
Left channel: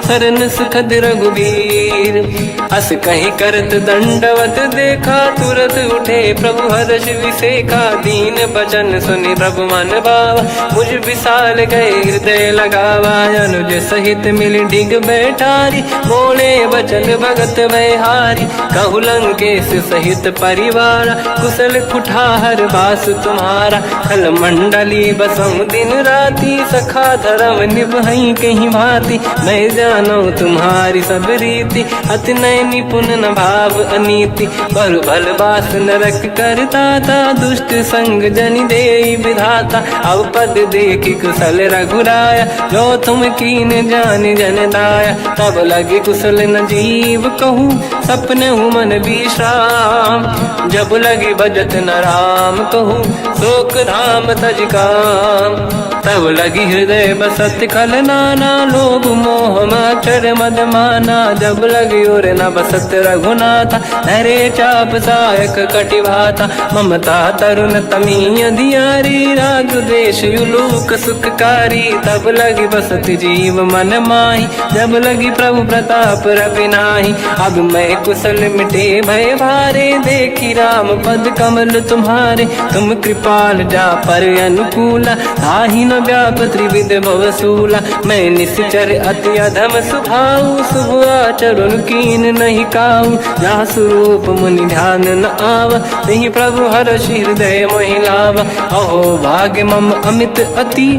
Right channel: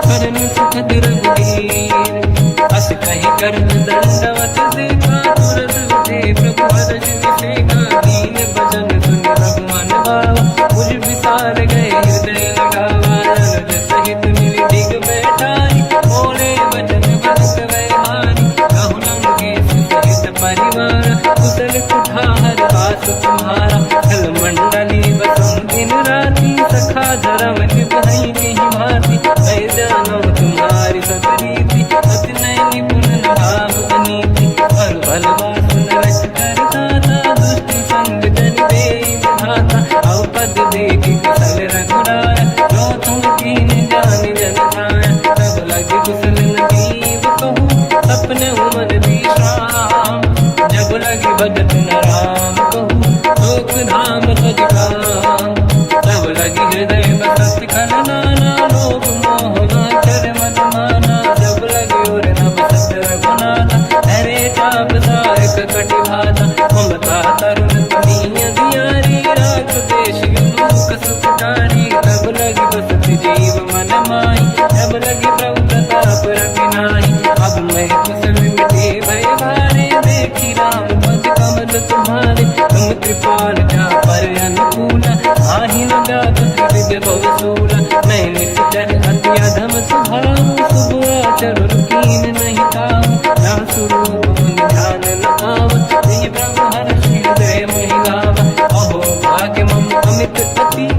शरण सुखद रघुवीर। अस कहीं करत दंडवत देखा तुरत उठे प्रभु हर्ष विसेखा। दीन भजन सुनि प्रभु मन भावा मुझ विशाल गए हृदय लगावा। अनुज सहित मिली डिग बैठारी बोले बचन भगत वैहारी। कहु लंकेश सहित परिवार कुशल कुठार बास तुम्हारा। खल मंडली बसम दिन राती सखा धर्म निभई कहीं भांति। मैं जानो तुम्हारी सब रीति अति नय निपुण न भाव अनीति। पर भल बास नरक करता था दुष्ट संग जन दे विधाता। अब पद देखि कुशल रघुराया जो तुम कीन जान जन दाया। तब लगे कुशल न जीव कहूँ सपने मन विश्राम। जब लगे भजत न राम कहूँ शोक धाम तज काम। तब लगी हृदय बसत खल नाना लोभ मोह मचर मद माना। जब लगी और न बसत रघुनाथा हरे चाप सायक कटिभाता। ममता तरुण तमीय धियारी राग देश युलूक सुखकारी। तब लगी बसत जीव मन माही जब लगी प्रभु प्रताप रवि नाही। अब मैं कुशल मिटे भय भारे देखी राम पद कमल तुम्हारे। तुम कृपाल जा पर अनुकूला ताहि न व्याप त्रिविध भवसूला। मैं निश्चर अति अधम स्वभाव शुभ आचरण कीन नहीं काऊ। जहाँ स्वरूप मुनि ध्यान न आव नहीं प्रभु हर्ष हृदय महिलावा। अहो भाग्य मम अमित अति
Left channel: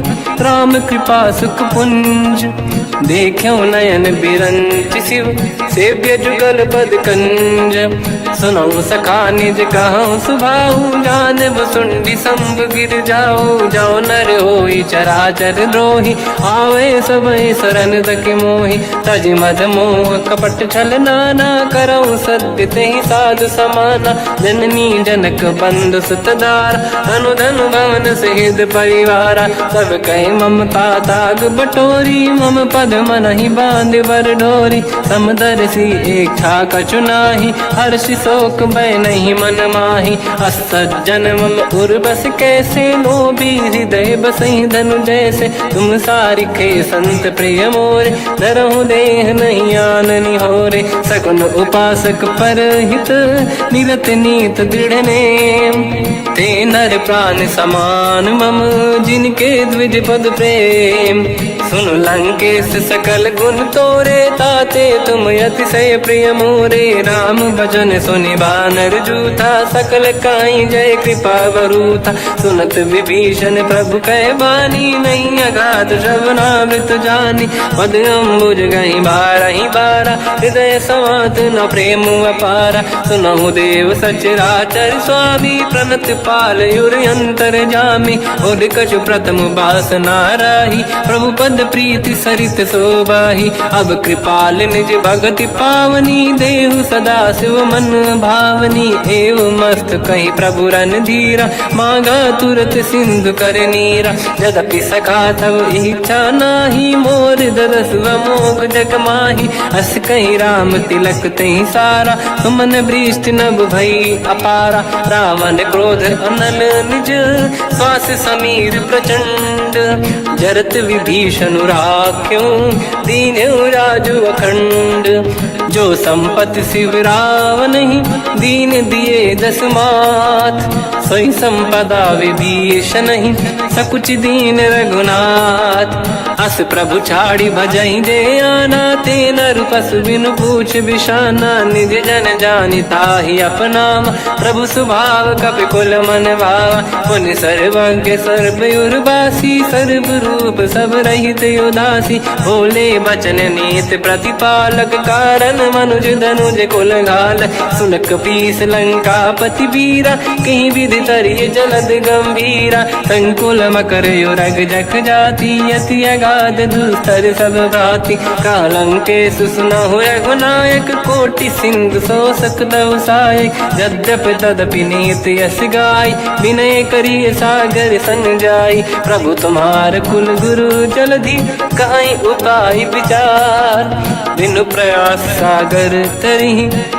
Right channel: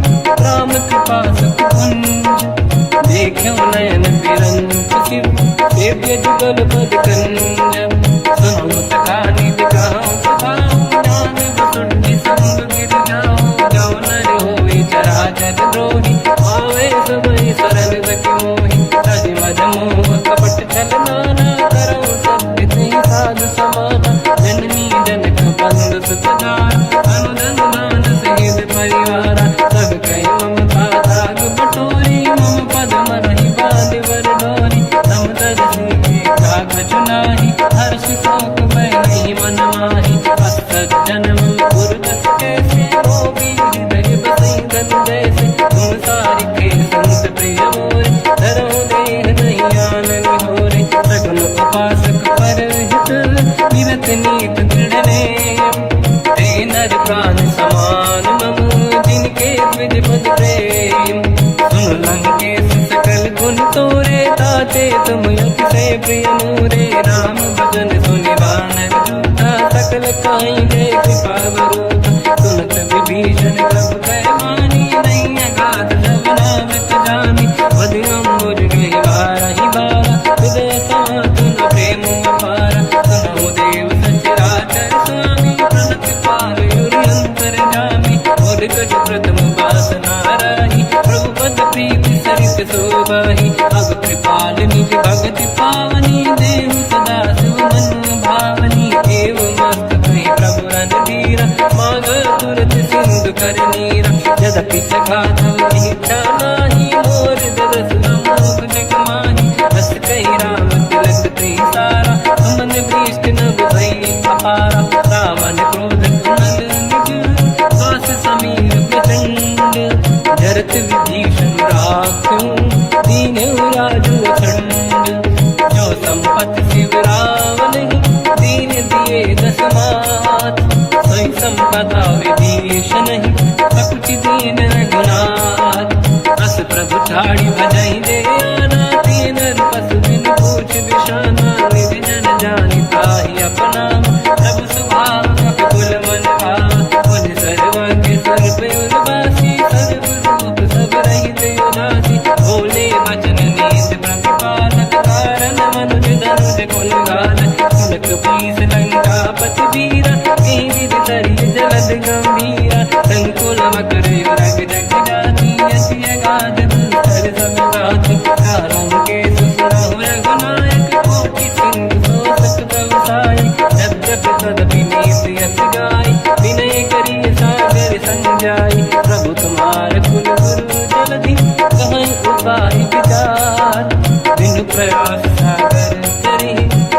राम कृपा सुख पुंज। देखो नयन बिरंच शिव सेव्य जुगल पद कंज। सुनऊ सखा निज कहूँ सुभाऊ ज्ञान वसुंडी संग गिर जाओ। जाओ नर होई चराचर द्रोही आवे सबई शरण दक मोहि। तज मद मोह कपट छल नाना करऊँ सत्य तेहि साधु समाना। जननी जनक बंधु सुतदारा अनुधन भवन सहित परिवारा। सब कहे ममता ताग बटोरी मम पद मनहि बांध बर डोरी। समदर्शी इच्छा कछु नाही हर्षि शोक मैं नहीं मन माही। असज्जन मम उर बस कैसे लोभी हृदय बसई धन जैसे। तुम सारिखे संत प्रिय मोरे धरहु देह नहीं आननि होरे। सगुन उपासक पर हित निरत नीत दृढ़ नेम। ते नर प्राण समान मम जिनके द्विज पद प्रेम। सुन लंकेश सकल गुण तोरे ताते तुम अतिशय प्रिय मोरे। राम भजन सुनि बानर जूथा सकल काई जय कृपा वरूथा। सुनत विभीषण प्रभु कह बानी नहीं अगाध श्रवणामृत जानी। पद अम्बुज गई बारहि बारा हृदय समात न प्रेम अपारा। सुनहु देव सचराचर स्वामी प्रणत पाल युर अंतर जामी। और कछु प्रथम बास नाराही प्रभु पद प्रीति सरित शोभाही। अब कृपाल निज भगति पावनी देहु सदा शिव मन भावनी। एव मस्त कहीं प्रभु रन धीरा मांगा तुरत सिंधु कर नीरा। यद्यपि सखा तब इच्छा नाही मोर दरस मोग जग माही। अस कहीं राम तिलक तहीं सारा तुमन वृष्टि नभ भई अपारा। रावण क्रोध अनल निज श्वास समीर प्रचंड। जरत विभीषण राख्यों दीन्यो राजु अखंड। जो संपत्ति शिवराव नहीं, दीन दिए 10 माथ। सोई संपदा विभीषण नहीं, सकुच दीन रघुनाथ। अस प्रभु छाड़ी भजई दे आना, तेन रूपस बिनु पूछ बिशाना। निज जन जानिता ही अपनाम, प्रभु स्वभाव कपि कुल मन भावा। मुनि सर्वज्ञ सर्व उर्वासी, सर्व रूप सब रहित उदासी। भोले बचन नीत प्रतिपालक, कारण मनुज धनुज कुल घाल। सुनक पीस लंका पति वीरा, कहीं विधि तरिय जलद गंभीरा। संकुल मकर युरग जख जाति, अति अगाध दुस्तर सब भाति। कालंकेश सुना हुए गुनायक, कोटि सिंधु सो सकदउ साय। यद्यपि तदपि नीत यस गाय, विनय करिय सागर संग जाय। प्रभु तुम्हार कुल गुरु जलधि, कहीं उपाय विचार। बिनु प्रयास सागर तरी,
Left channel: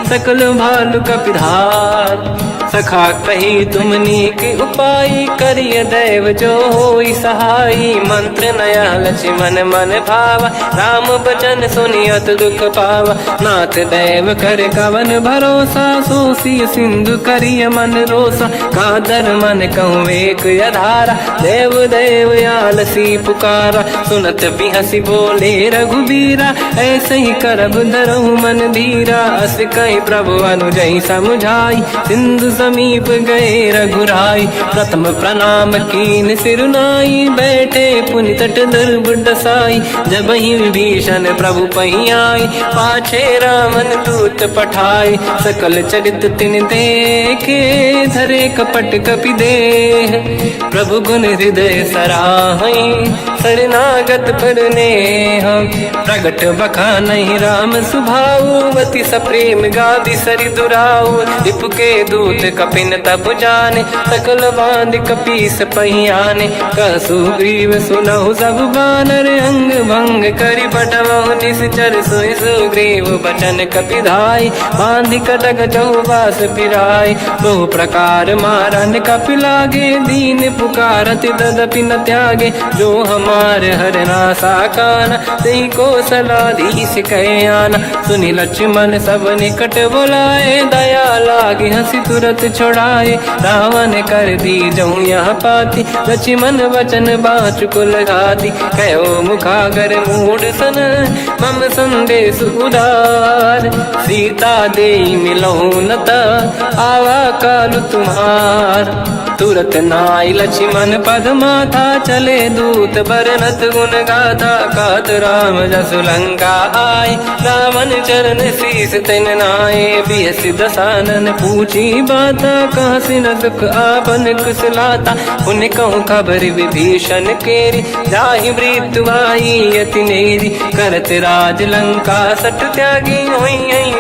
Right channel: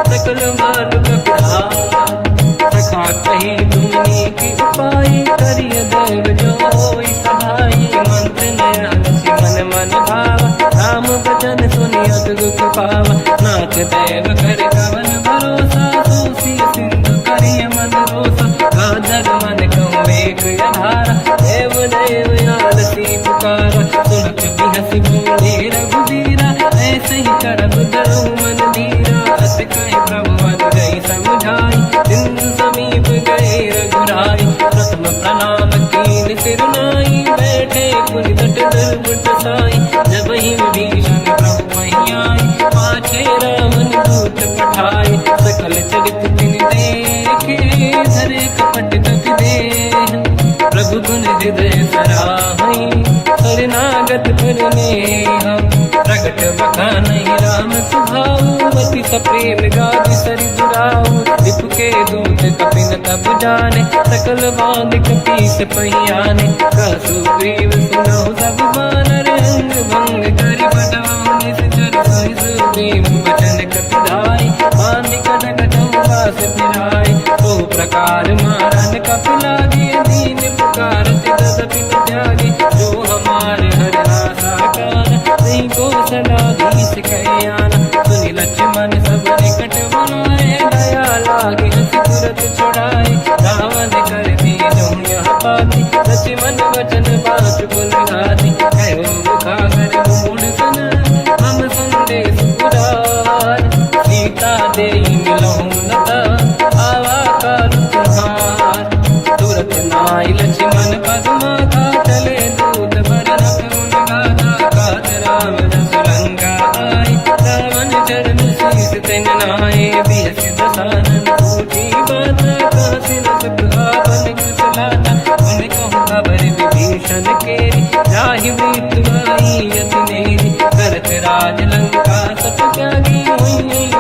सकल भालु कपिधार। सखा कही तुमनी के उपाय, करिय दैव जो होई सहाई। मंत्र नया लक्ष्मण मन भावा, राम बचन सुनियत दुख पावा। नाथ दैव कर कवन भरोसा, सोसी सिंधु करिय मन रोसा। कादर मन कहूँ एक अधारा, देव देव आलसी पुकारा। सुनत बिहसी बोले रघुबीरा, ऐसे ही करब दरहु मन धीरा। अस कहीं प्रभु अनुजई समुझाई, सिंधु समीप गए रघुराई। प्रथम प्रणाम कीन सिर नाई, बैठे पुनि तट दुर्बुड साई। जब ही विभीषण प्रभु पही आई, पाछे रामन दूत पठाई। सकल चरित तिन देखे, धरे कपट कपि देह। प्रभु गुण हृदय सराहई, शरणागत पर नेह। प्रगट बखानहि राम सुभाऊ, अति सप्रेम गादि सरि दुराऊ। रिपु के दूत कपिन तब जाने, सकल बांध कपीस पहियाने। कह सुग्रीव सुनहु सब बानर, अंग भंग करि बटमहु निश्चर। सोई सुग्रीव बचन कपिधाई, बांध कटक चौबास पिराई। तो प्रकार मारन कपि लागे, दीन पुकारत तदपि न त्यागे। जो हमार हरना साकाना, तेहि को सलाधीश कहे आना। सुनि लक्ष्मण सब निकट बोलाए, दया लागे हंसी तुरत छुड़ाए। रावण कर दी जऊँ यहाँ पाती, लक्ष्मण वचन बाँच कुल घाती। कहो मुखागर मूढ़ सन, मम संदेश उदार। सीता दे मिलहु नता, आवा काल तुम्हार। तुरत नाई लक्ष्मण पद माथा, चले दूत बरनत गुण गाथा। कहत राम जसु लंका आए, रावण चरण शीस तिन नाए। बिहस दसानन पूछी बाता, कह सिन दुख आपन कुशलाता। उन कहूँ खबर विभीषण केरी, जाहि मृत्यु आई यति नेरी। करत राज लंका सट त्यागी, हुई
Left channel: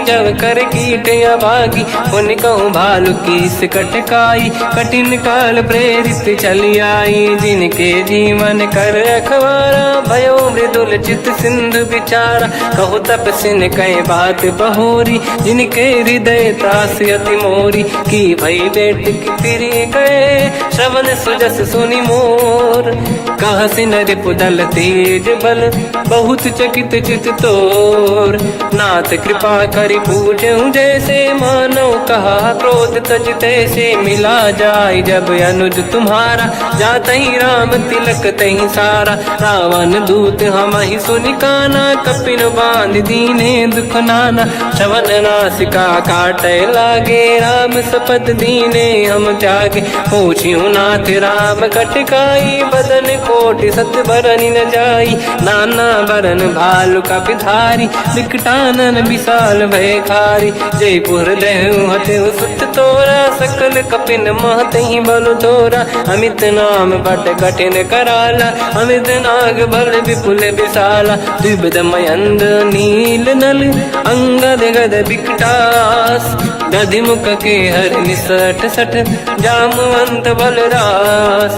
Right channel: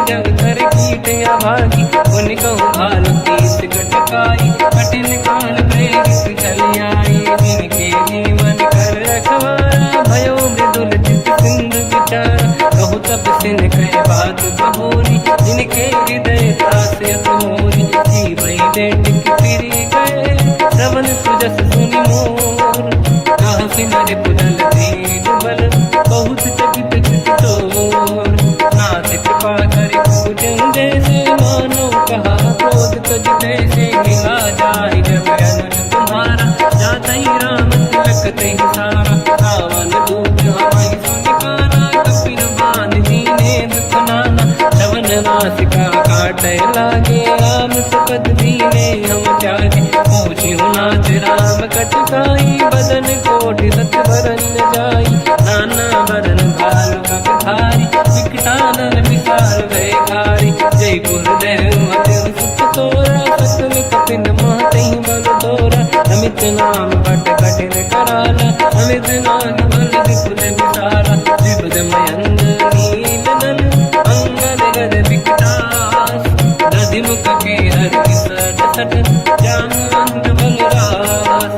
जब कर कीट अभागी। उन कहूँ भालु कीस कटकाई, कठिन काल प्रेरित चली आई। जिनके जीवन कर रखवारा, भयो मृदुल चित सिंधु विचारा। कहु तपसिन कहे बात बहोरी, जिनके हृदय त्रास अति मोरी। की भई बेटी फिर गए, श्रवण सुजस सुनि मोर। कहसिन रिपुदल तेज बल, बहुत चकित चित तोर। नाथ कृपा करि पूजहु जैसे, मानो कहा क्रोध तज तैसे। मिला जाय जब अनुज तुम्हारा, जातहि राम तिलक तहि सारा। रावण दूत हमहि सुनि काना, कपिन बांध दीने दुख नाना। श्रवण नासिका काटै लागे, राम सपथ दीने हम त्यागे। पूछिहु नाथ राम कटकाई, बदन कोटि सत बरनि न जाई। नाना बरन भालु कपिधारी, विकटानन विशाल भयखारी। जयपुर देहु हतेहु सुत तोरा, सकल कपिन महतहि बल तोरा। अमित नाम बट कठिन कराला, अमित नाग बल विपुल विशाला। द्विविध मयंद नील नल, अंगद गद विकटास। गधिमुख के हर निसट सट, जामवंत बलरास।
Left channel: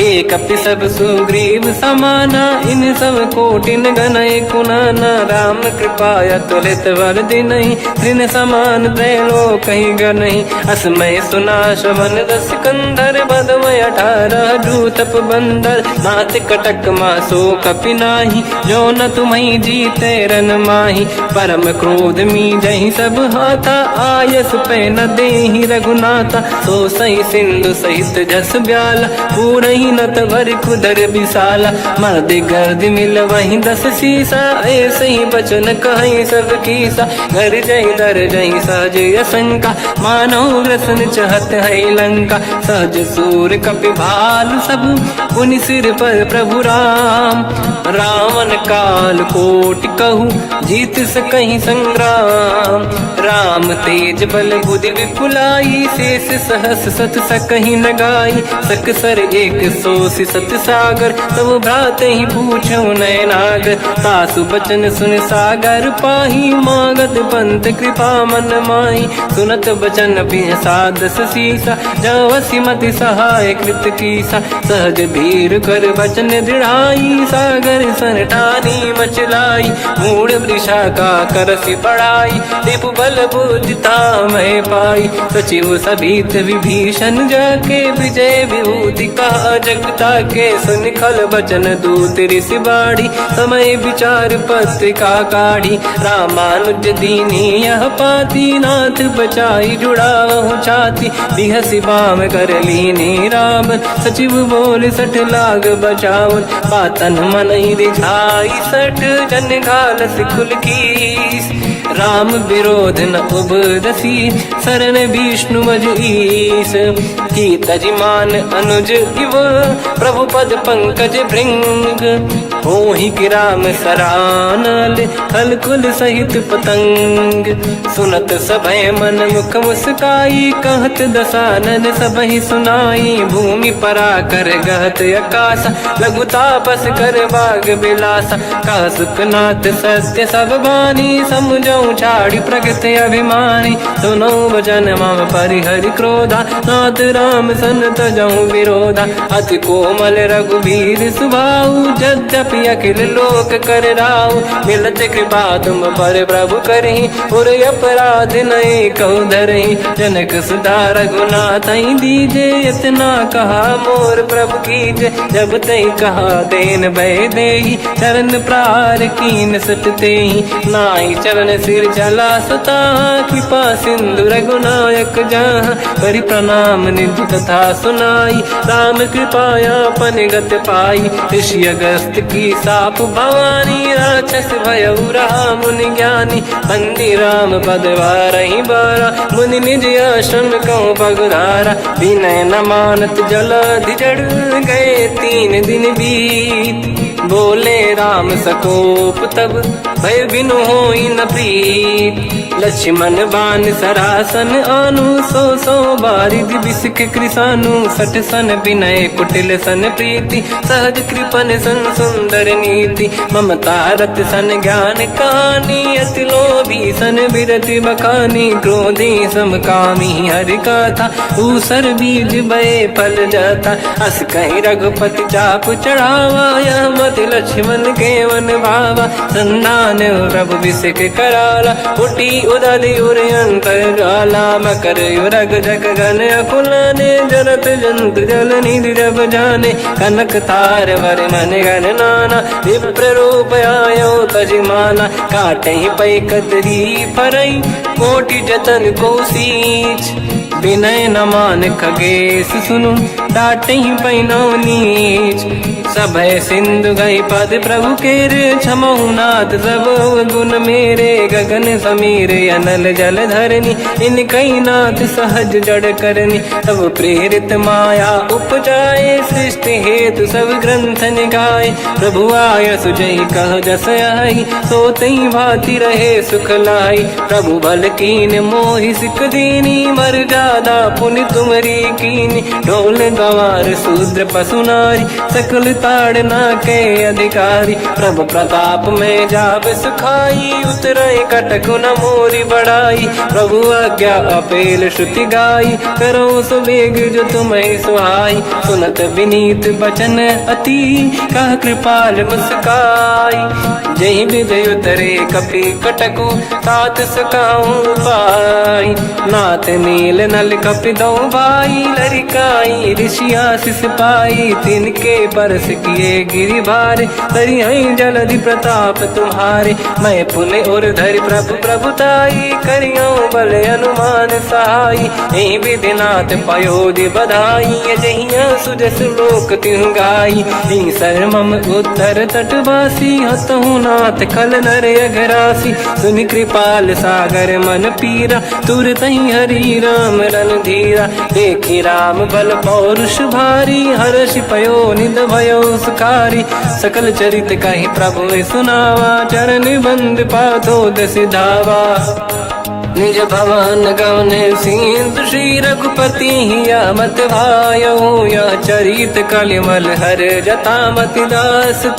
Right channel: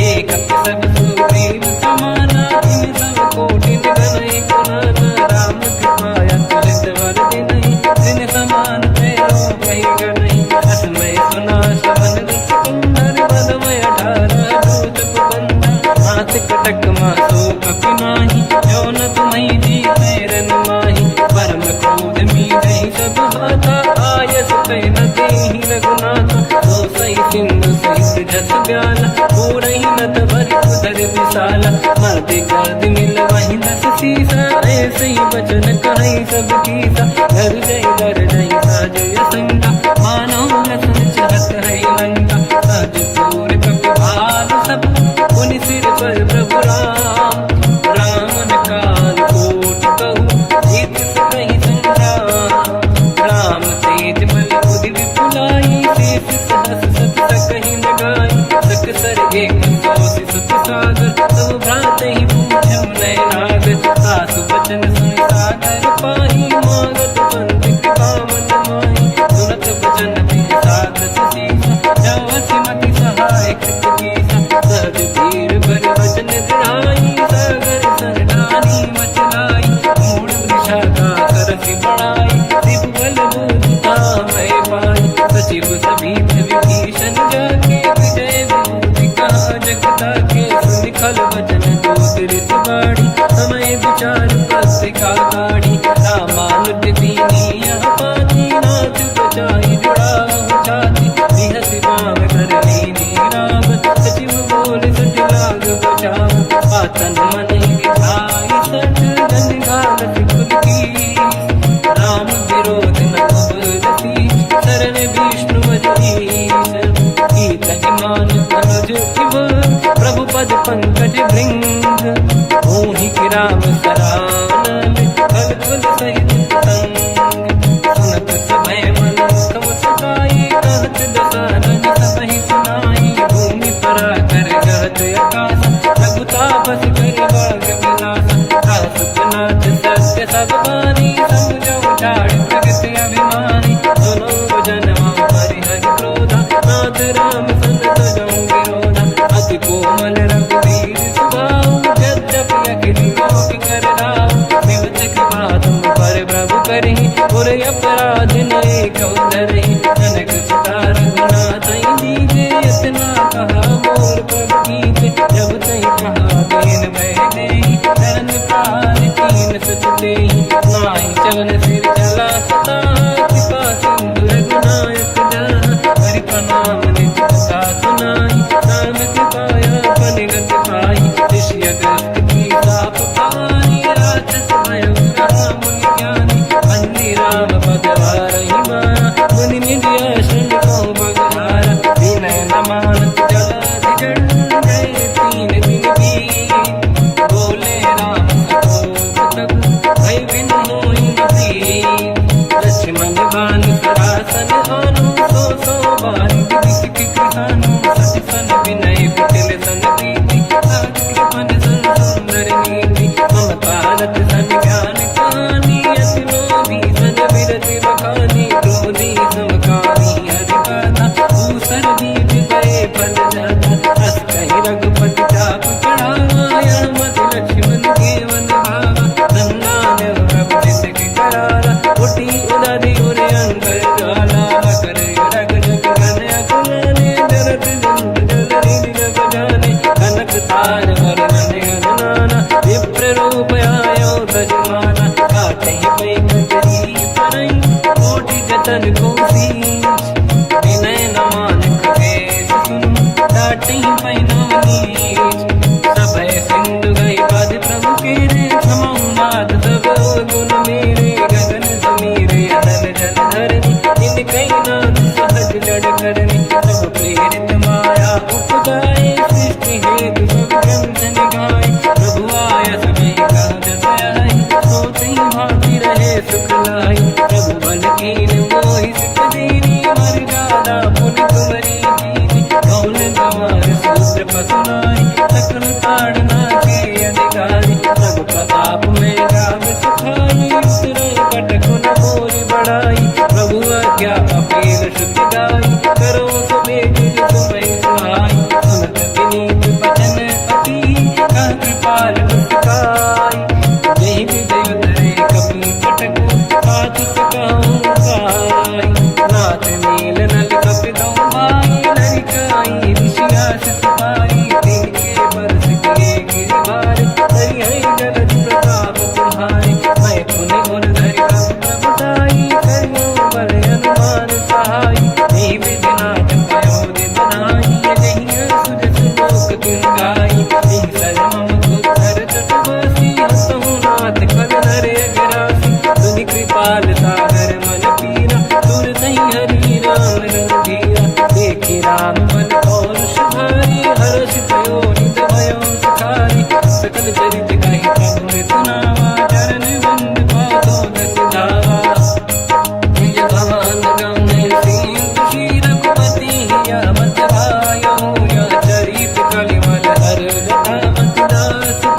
एक कपि सब सुग्रीव समाना, इन सब कोटिन गनय कुनाना। राम कृपा त्वरित वर दिनहि, दिन समान त्रैलोक कहीं गनहि। असमय सुना श्रवण रस कंधर, बदमय 18 दूतप बंदर। नाथ कटक मासो कपि नाही, जो न तुम्हि जीते रन माही। परम क्रोध मी जही सब हाथा, आयस पे न देहि रघुनाथा। तो सही सिंधु सहित जस ब्याला, पूरही नत भर कुदर विशाला। मर्द गर्द मिल वही 10 सीसा, ऐसे ही बचन कहीं सब कीसा। घर जय दर जय सहज असंका, मानव रसन चहत है लंका। सहज सूर कपि भाल सब, पुनि सिर पर प्रभु राम। रावण काल कोटि कहूँ, जीत सकहि संग्राम। राम तेज बल बुद्धि विपुलाई, शेष सहस सत सकहि न गाई। सकसर 180 सत सागर, तब भ्रात ही पूछो नयनागर। सासु बचन सुन सागर पाही, मांगत पंत कृपा मन माही। सुनत बचन पिय साध सीसा, जावसी मति सहाय कृत कीसा। सहज धीर कर बचन दृढ़ाई, सागर सन ठानी मचलाई। मूढ़ वृषा का करसि बढ़ाई, दिव्य बल बुद्धि धामहि पाई। सचिव सभीत विभीषण जाके, विजय विभूति कहा जगता के। सुन खल बचन दूत ऋषि बाड़ी, समय विचार पत्रिका काढ़ी। रामानुज दीनी यह पाती, नाथ बचाई जुड़ाहु छाती। बिहसि बाम कर लीनी राम, सचिव बोल 60 लाग बचावन। पातन मन ही रिझाई 60, जन घाल सिकुल कीस। राम विरोध न उबरसी, शरण विष्णु मजईस। तजिमान अनुज इव, प्रभु पद पंकज भृंग। मोहि कि राम सरानल, हलकुल सहित पतंग। सुनत सभय मन मुख मुस्काई, कहत दसानन सबहि सुनाई। भूमि परा कर गहत आकाशा, लघु तापस कर बाग बिलासा। कासुपनाथ सत्य सब बानी, समझौ छाड़ी प्रगति अभिमानी। सुनो भजन मम परिहरि क्रोधा, नाथ राम सन तजौ विरोधा। अति कोमल रघुवीर सुभाऊ, यद्यपि अखिल लोक कर राऊ। मिलत कृपा तुम पर प्रभु करहि, पुर अपराध नये कहु धरहि। जनक सुता रघुनाथ दीजे, इतना कहा मोर प्रभु कीजे। जब तई कहा देन भय देहि, चरण प्रार कीन सट तेहि। नाई चरण सिर चला सता, कृपा सिंधु रघुनायक जहाँ। करि प्रणाम निधि कथा सुनाई, राम कृपाया पन गत पाई। ऋषि अगस्त की साप भवानी, राक्षस भयउ रहा मुनि ज्ञानी। बंदी राम पद वारहि बारा, मुनि निज आश्रम कहु पगुधारा। विनय न मानत जलाधि जड़, गए 3 दिन बीत। बोले राम सकोप तब, भय बिनु होई न प्रीत। लक्ष्मण बाण सरासन आनु, 100 बारिधि बिसिक कृसानु। 60 सन विनय कुटिल सन प्रीति, सहज कृपन सन सुंदर नीति। ममता रत सन ज्ञान कहानी, अति लोभी सन बिरति बखानी। क्रोधी समकामी हरि कथा, ऊसर बीज बये फल जाता। अस कहीं रघुपति चाप चढ़ावा, यह मत लक्ष्मण के वन भावा। संधान प्रभु बिसिक कराला, उठी उदधि उरे अंतर ज्वाला। मकर युरग जग गण अकुलाने, जरत जंत जल निधि जब जाने। कनक तार वर्णन गण नाना, विप्र रूप आयो तजमाना। काटे पै कतरी परई, कोटि जतन को सींच। विनय न मान खगेश सुनु, डांटे पैनो नीच। सभय सिंधु गई पद प्रभु केरे, क्षमहु नाथ सब गुण मेरे। गगन समीर अनल जल धरनी, इन कई नाथ सहज जड़ करनी। तब प्रेरित माया उपजाए, सृष्टि हेतु सब ग्रंथ निगाए। प्रभु आय सुजई कह जस आई, सोतई भांति रहे सुख लाई। प्रभु बल कीन मोहि सिख दीनी, मर जादा पुनि तुमरी कीनी। ढोल गंवार शूद्र पशु नारी, सकल ताड़ना के अधिकारी। प्रभु प्रताप में जाब सुखाई, उतरे कटक न मोरी बढ़ाई। प्रभु आज्ञा अपेल श्रुति गाई, करो सुबेग जो तुम्हें सुहाई। सुनत विनीत बचन अति, कह कृपाल मुस्काई। जय हृदय उतरे कपि कटकु, तात सकाऊं पाई। नाथ नील नल कपि दो भाई, लरिकाई ऋषि आशीष पाई। तिनके परस किए गिरि भारे, तरि जलधि प्रताप तुम्हारे। मैं पुनि उर धरि प्रभु प्रभुताई, सहाई। यही विधिनाथ पयोधि बधाई, जहिया सुजस लोक तिहु गाई। शर्मम उत्तर तटवासी, हसहु नाथ खल नर अघरासी। सुनि कृपाल सागर मन पीरा, तुरत ही हरि राम रणधीरा। देखि राम बल पौरुष भारी, हर्ष पयो निध भयो सुखारी। सकल चरित कहि प्रभु सुनावा, चरण बंद पादो दस धावा। निज भवन गवने सिंधु, श्री रघुपति हिया मत भायो। या चरित कलिमल हर जटा मति दास।